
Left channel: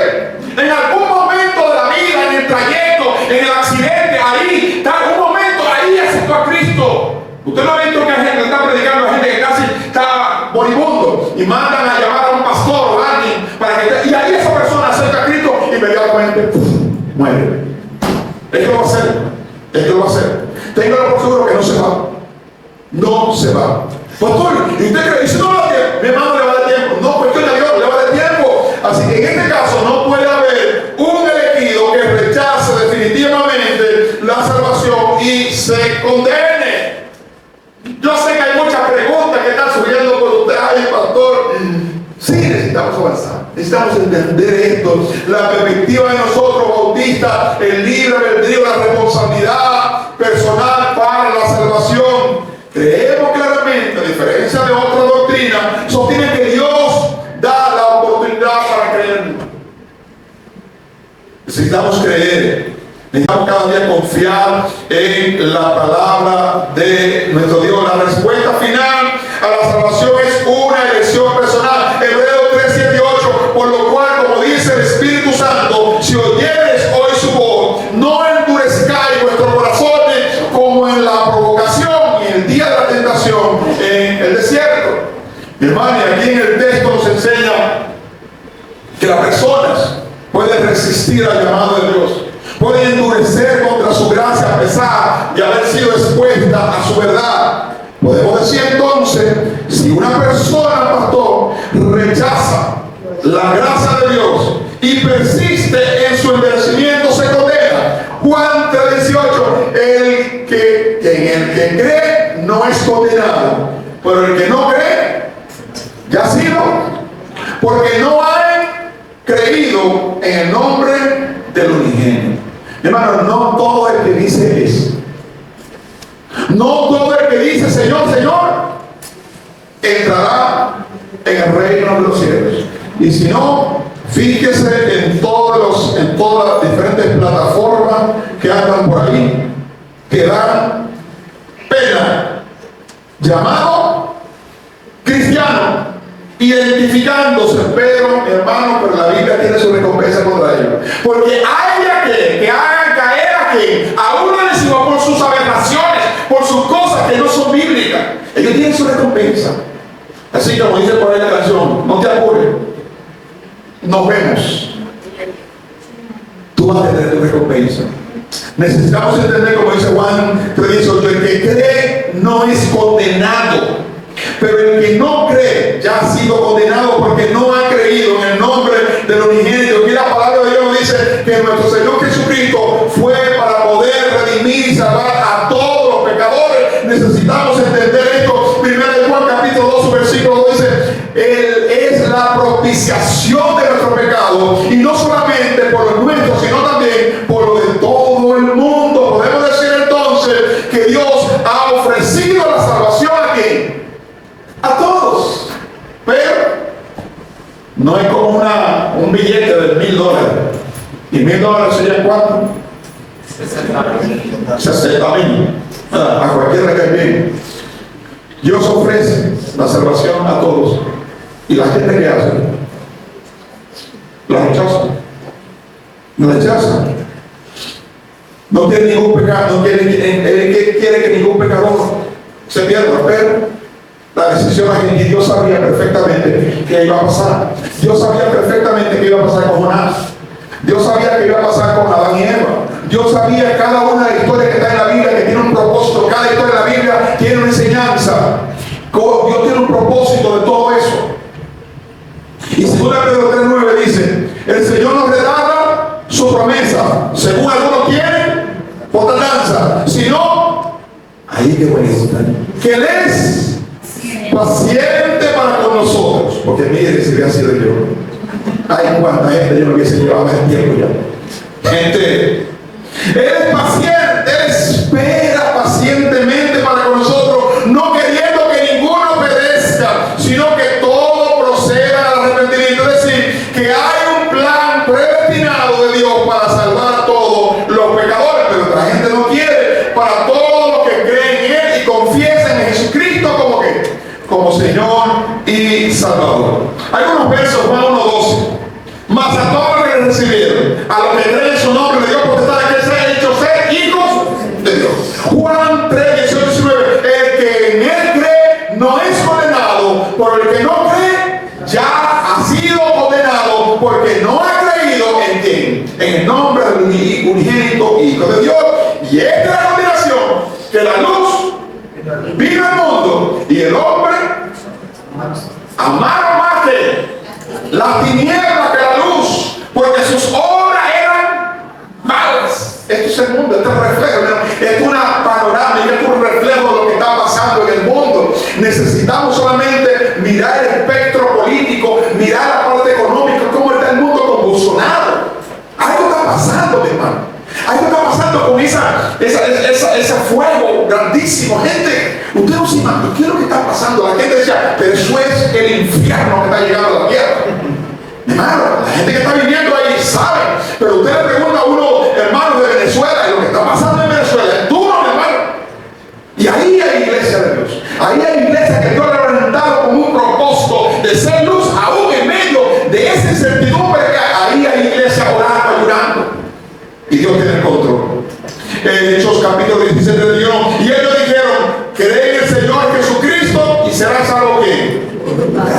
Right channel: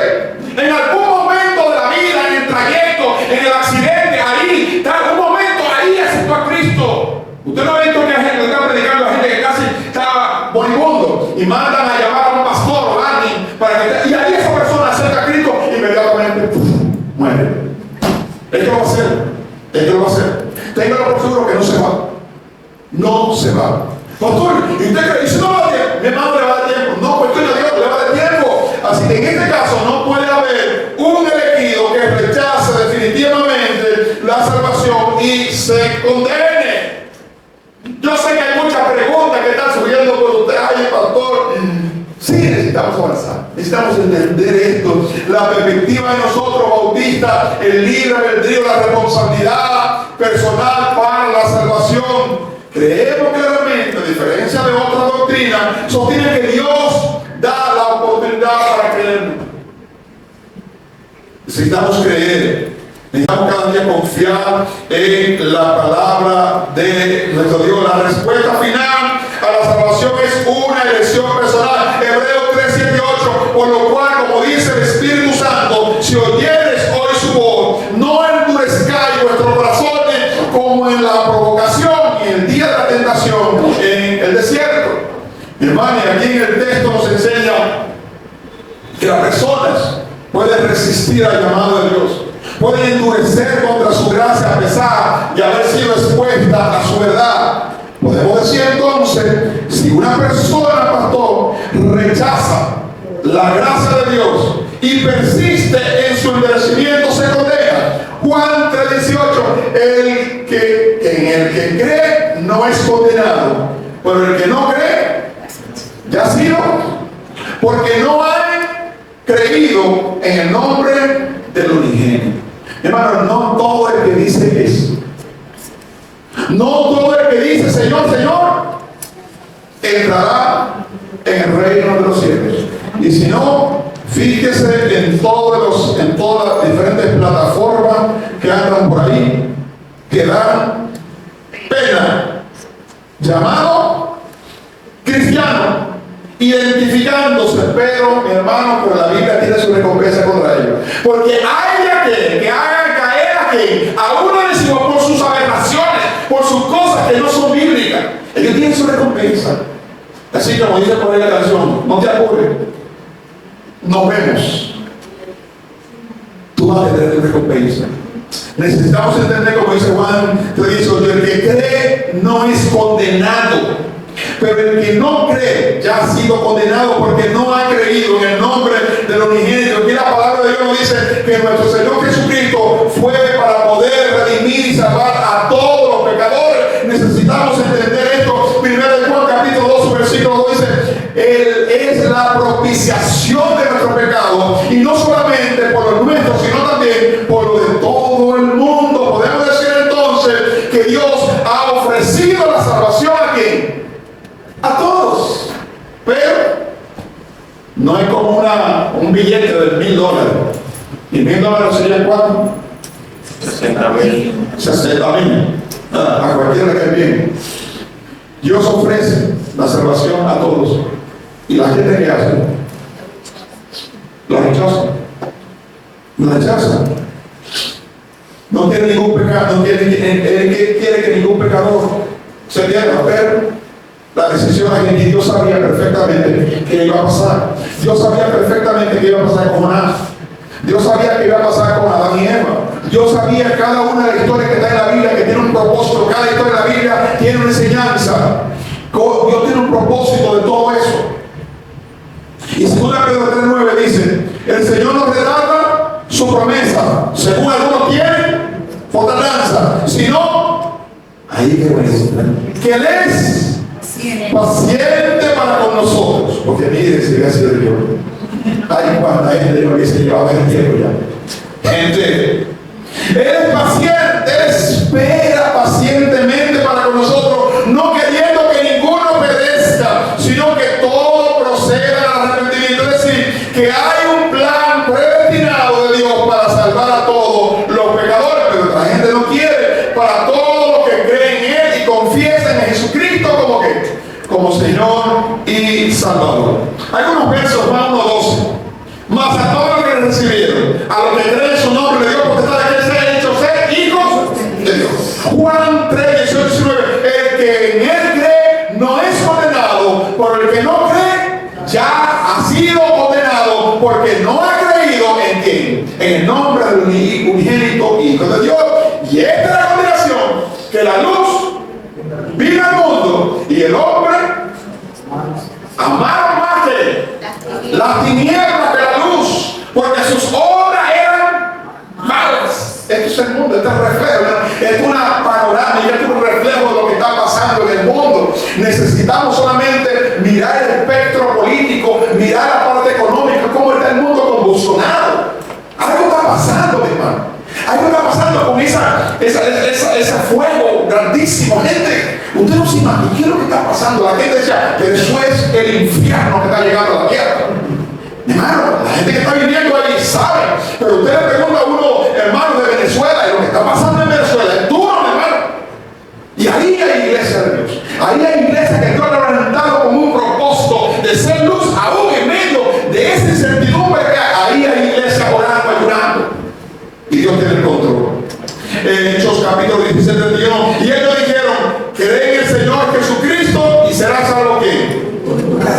En algún momento de la vida, en el trayecto, en el accidente, ahí, en algún momento, ahí aceptó a Cristo. Usted no ha visto que hay gente que está predicando a gente que casi está moribundo y mandan a llamar a un pastor o a alguien para que y ahí esa persona acerca a Cristo y inmediatamente muere. Es que lo va a hacer. Es que lo va a hacer. Téngalo por seguro que no se va. No se va. Pastor, ¿y usted cree? ¿Y si no va a dar tiempo? Mi hermano le va a dar tiempo. No cuestiona a Dios, le va a dar tiempo. Así que en este caso no puede haber un elegido que rechace definitivamente la salvación y se condene. Yo sé necesitamos avanzar, necesitamos entender esto, la perspectiva de nosotros bautistas, el libre albedrío, la responsabilidad personal para la salvación. Creemos claramente, a diferencia de otras doctrinas, sostiene que Dios da la oportunidad para creer. Necesitamos creer, necesitamos cada día confiar en la palabra de nuestro Dios. La respuesta final a la salvación es una elección personal. Hebreos 3, 7 y 8, por lo cual, como dice el Espíritu Santo, si oyeres hoy su voz, no endurezcáis vuestros corazones como en la provocación y en el día de la tentación en el desierto. Hermano, y aquí en el texto nos enseña que las personas pueden resistir al llamado de Dios, pueden endurecer contra su gracia a pesar de haber sido expuesta a su verdad. Podemos decir entonces, si una persona, pastor, rechaza la gracia de Dios y persiste en su endurecimiento, se condena. Juan 3:18, en el que cree no es condenado, pero el que no cree ya ha sido, porque no hay creído en el nombre del unigénito. Hermano, no todo el que dice eso, no todo el que dice Señor, Señor, entrará en el reino de los cielos. Y si no, fíjese en todas las diferentes plataformas que andan por ahí, que dan pena, llamado cristiano, identificándose, pero mi hermano, pero la Biblia tiene su recompensa contra ellos, porque hay de aquel que hagan caer a uno de encima por sus aberraciones, por sus cosas que no son bíblicas. Ellos tienen su recompensa. Así como dice por ahí la canción, no te apures, nos vemos, tú vas a tener tu recompensa. Necesitamos entender, como dice Juan 3:18, el que cree no es condenado, pero el que no cree ya ha sido condenado porque no ha creído en el nombre del unigénito. Aquí la palabra de Dios nos dice que nuestro Señor Jesucristo fue para poder redimir y salvar a todos los pecadores. Necesitamos entender esto. Primero de Juan capítulo 2 versículo 2 dice, Él es la propiciación de nuestros pecados, y no solamente por los nuestros, sino también por los de todo el mundo. Podemos decir entonces que Dios ha ofrecido la salvación a ¿quién? A todos. Pero no es como un billete de $1,000. ¿Y $1,000 serían cuánto? 60,000. A cualquiera que bien. Dios ofrece la salvación a todos. ¿Y la gente qué hace? La rechaza. La rechaza. No tiene ningún pecado, no quiere que ningún pecador se pierda, pero la decisión es que Dios sabía perfectamente que iba a pasar. Dios sabía perfectamente que iba a pasar con Jonás. Dios sabía que iba a pasar con Adán y Eva. Dios sabía cada una de las historias que está en la Biblia, que tiene un propósito. Cada historia de la Biblia tiene una enseñanza. Dios tiene un propósito de todo eso. Y 2 Pedro 3:9 dice, el Señor nos redacta su promesa, según algunos tienen fortaleza, si no, ahí que bueno, que Él es paciente para con nosotros, porque mire si hubiera sido yo, ay, cuánta gente yo me hubiese llevado el tiempo ya. Gente, Él es paciente, Él espera pacientemente para con nosotros, no queriendo que ninguno perezca, sino que todo proceda al arrepentimiento. Es decir, que hay un plan predestinado de Dios para salvar a todos los pecadores, pero la gente no quiere. Para todos los que creen en Él y confiesan en Jesucristo como Señor y Salvador. Hay unos versos, Juan 1:12. Mas a todos los que recibieron, a los que creen en su nombre, le dio potestad de que sean hechos ser hijos de Dios. Juan 3:18-19. El que en Él cree no es condenado, pero el que no cree ya ha sido condenado porque no ha creído en quién, en el nombre del unigénito Hijo de Dios. Y esta es la condenación, que la luz vino al mundo y el hombre amaron más que las tinieblas que la luz, porque sus obras eran malas. Esto es el mundo, este es un reflejo, es una panorámica, es un reflejo de lo que está pasando en el mundo. Necesitamos solamente mirar el espectro político, mirar la con ese fuego grandísimo. Gente, usted no se imagina qué es lo que está pasando. La gente decía, pero eso es el infierno que está llegando a la tierra. Hermano, la gente que está viviendo ahí sabe, pero usted le pregunta a uno, hermano de Venezuela, y lo que está pasando en Venezuela es duro, mi hermano. Y ahí hay iglesia de Dios. Ahí hay iglesia que Dios le ha orientado con un propósito de ser luz aún en medio de esa incertidumbre que hay. Ahí hay iglesia orando, ayunando. Y Dios tiene el control. En Hechos capítulo 17, 31, y ellos dijeron, cree en el Señor Jesucristo y serás salvo ¿quién?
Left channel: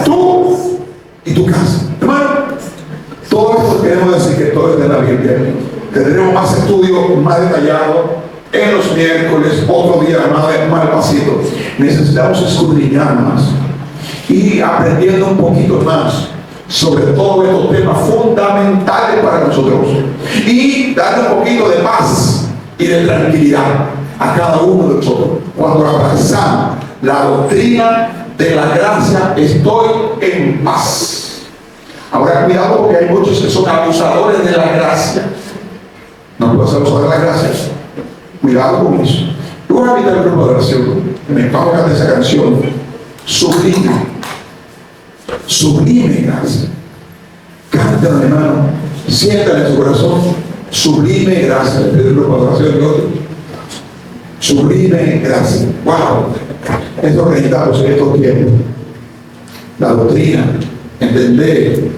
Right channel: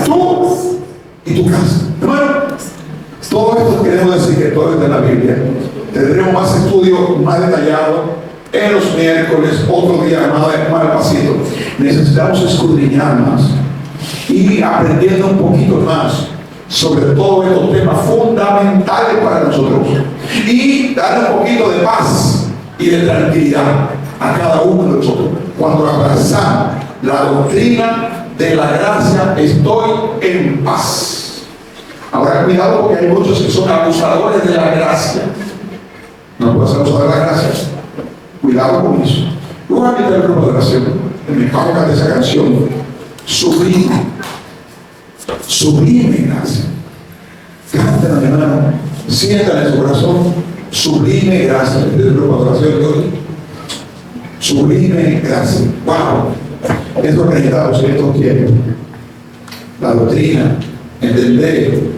Tú y tu casa. Hermano, todo esto queremos decir que todo es de la Biblia. Tendremos más estudios más detallados en los miércoles, otro día más despacito. Necesitamos escudriñar más y aprendiendo un poquito más sobre todos estos temas fundamentales para nosotros y darle un poquito de paz y de tranquilidad a cada uno de nosotros. Cuando abrazamos la doctrina de la gracia, estoy en paz. Ahora cuidado, porque hay muchos que son abusadores de la gracia. No puedo ser abusador de la gracia. Cuidado con eso. Yo voy a invitar al grupo de oración que me pongan de esa canción. Sublime. Sublime gracia. Cántala, hermano. Siéntala en su corazón. Sublime gracia. El grupo de oración de hoy. Sublime gracia. Wow. Esto necesitamos en estos tiempos. La doctrina. Entender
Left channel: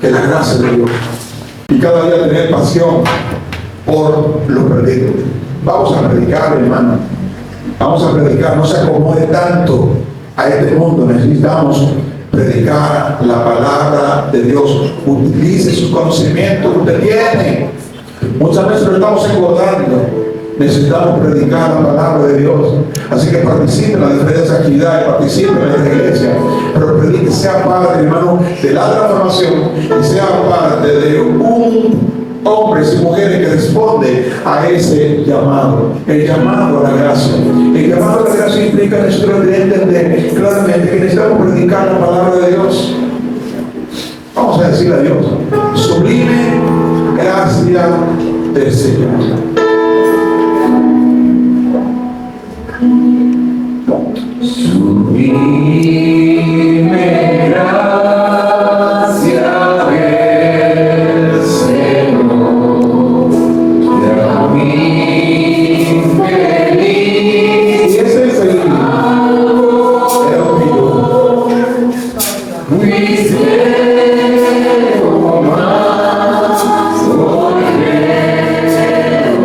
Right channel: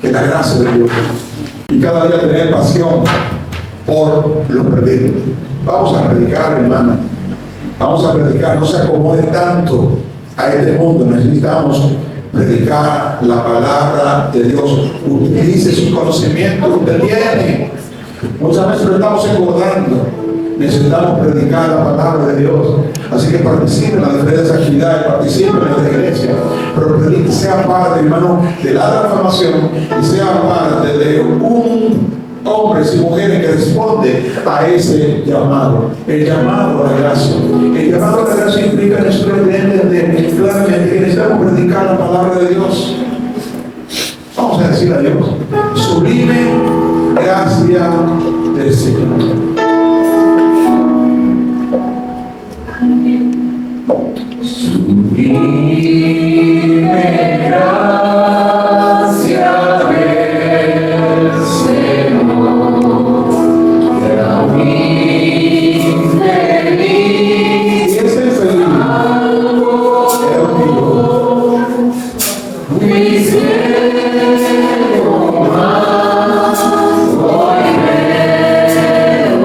que la gracia de Dios. Y cada día tener pasión por los perdidos. Vamos a predicar, hermano. Vamos a predicar. No se acomode tanto a este mundo. Necesitamos predicar la palabra de Dios. Utilice sus conocimientos que usted tiene. Muchas veces lo estamos engordando. Necesitamos predicar la palabra de Dios. Así que participe en las diferentes actividades, participe en esta iglesia, pero predique, sea parte, hermano, de la transformación y sea parte de un hombres y mujeres que responden a ese llamado, el llamado a la gracia. El llamado a la gracia implica en nuestro entender claramente que necesitamos predicar la palabra de Dios. Vamos a decir a Dios, sublime gracia del Señor. Sublime gracia del Señor, a mí feliz. Y ese es el mío. Mi cielo más, hoy veo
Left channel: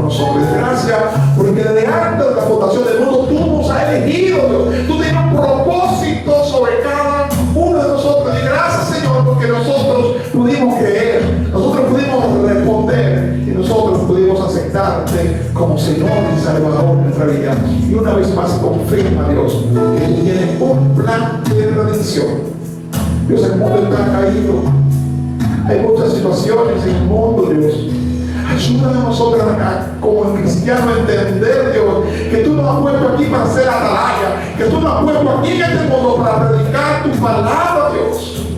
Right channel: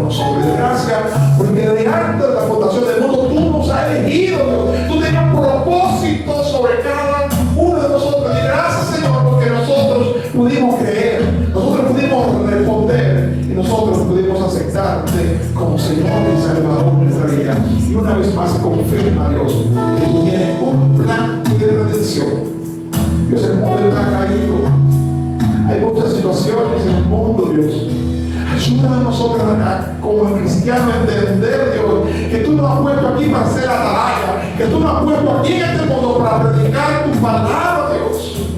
por nosotros. Y gracias porque de antes de la fundación del mundo tú nos has elegido, Dios. Tú tienes un propósito sobre cada uno de nosotros. Y gracias, Señor, porque nosotros pudimos creer, nosotros pudimos responder y nosotros pudimos aceptarte como Señor y Salvador de nuestra vida. Y una vez más confirma, Dios, que tú tienes un plan de redención. Dios, el mundo está caído. Hay muchas situaciones en el mundo, Dios. Ayúdanos a nosotros como cristianos a entender, Dios, que tú nos has puesto aquí para ser atalaya, que tú nos has puesto aquí en este mundo para predicar tu palabra, Dios.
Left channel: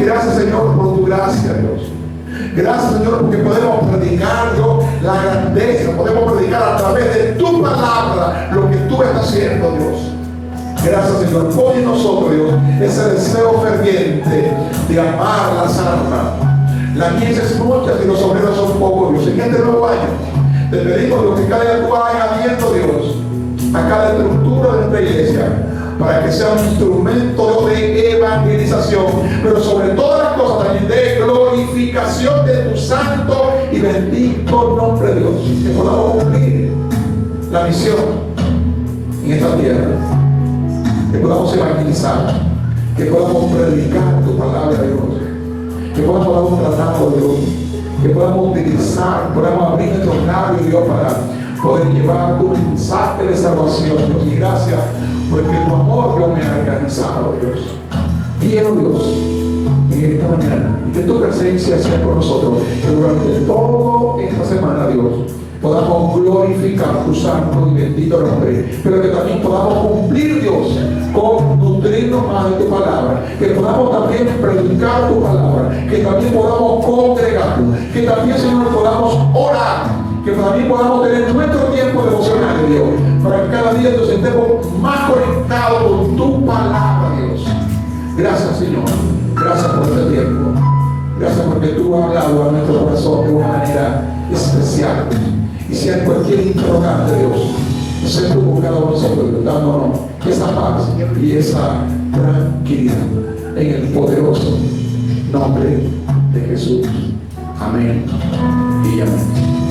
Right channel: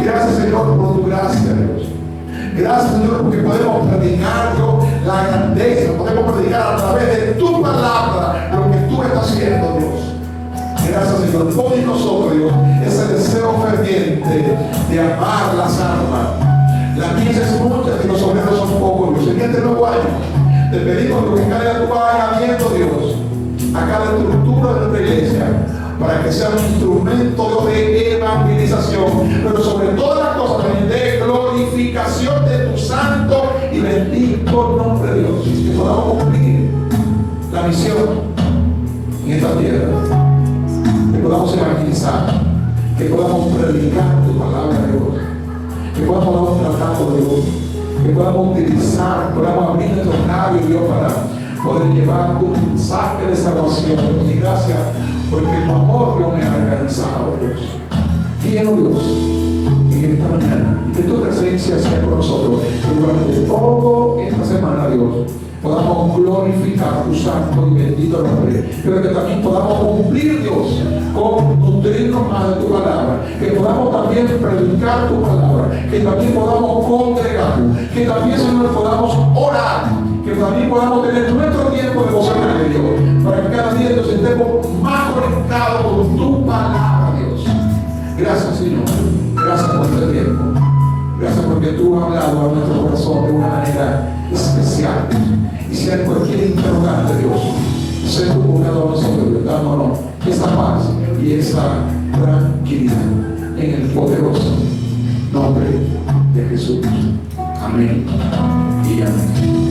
Gracias, Señor, por tu gracia, Dios. Gracias, Señor, porque podemos predicar, Dios, la grandeza, podemos predicar a través de tu palabra lo que tú estás haciendo, Dios. Gracias, Señor. Pon en nosotros, Dios, ese deseo ferviente de amar las almas. La mies es mucha y los obreros son pocos, Dios. En este nuevo año te pedimos, Dios, que cada día tú vayas añadiendo, Dios, a cada estructura de nuestra iglesia, para que sea un instrumento de evangelización, pero sobre todas las cosas también de glorificación de tu santo y bendito nombre, Dios. Que podamos cumplir la misión en esta tierra, que podamos evangelizar, que podamos predicar tu palabra, Dios, que podamos dar un tratado, Dios, que podamos utilizar, podamos abrir nuestros labios, Dios, para poder llevar tu mensaje de salvación, Dios. Y gracias porque tu amor no me ha alcanzado, Dios. Quiero, Dios, en esta mañana, que tu presencia sea con nosotros, que durante toda esta semana, Dios, podamos glorificar tu santo y bendito nombre, pero que también podamos cumplir, Dios, con nutrirnos más de tu palabra, que podamos también predicar tu palabra, que también podamos congregarnos, que también, Señor, podamos orar, que también podamos tener nuestro tiempo devocional, Dios, para que cada día nos estemos más conectados con tu palabra, Dios. Gracias, Señor. Gracias por este tiempo. Gracias porque tú has hablado a nuestro corazón de una manera especial. Y si hay cualquier interrogante, Dios, sé tú con cada uno de nosotros, Dios, dándonos esa paz y esa tranquilidad en el poderoso nombre de Jesús. Amén y amén.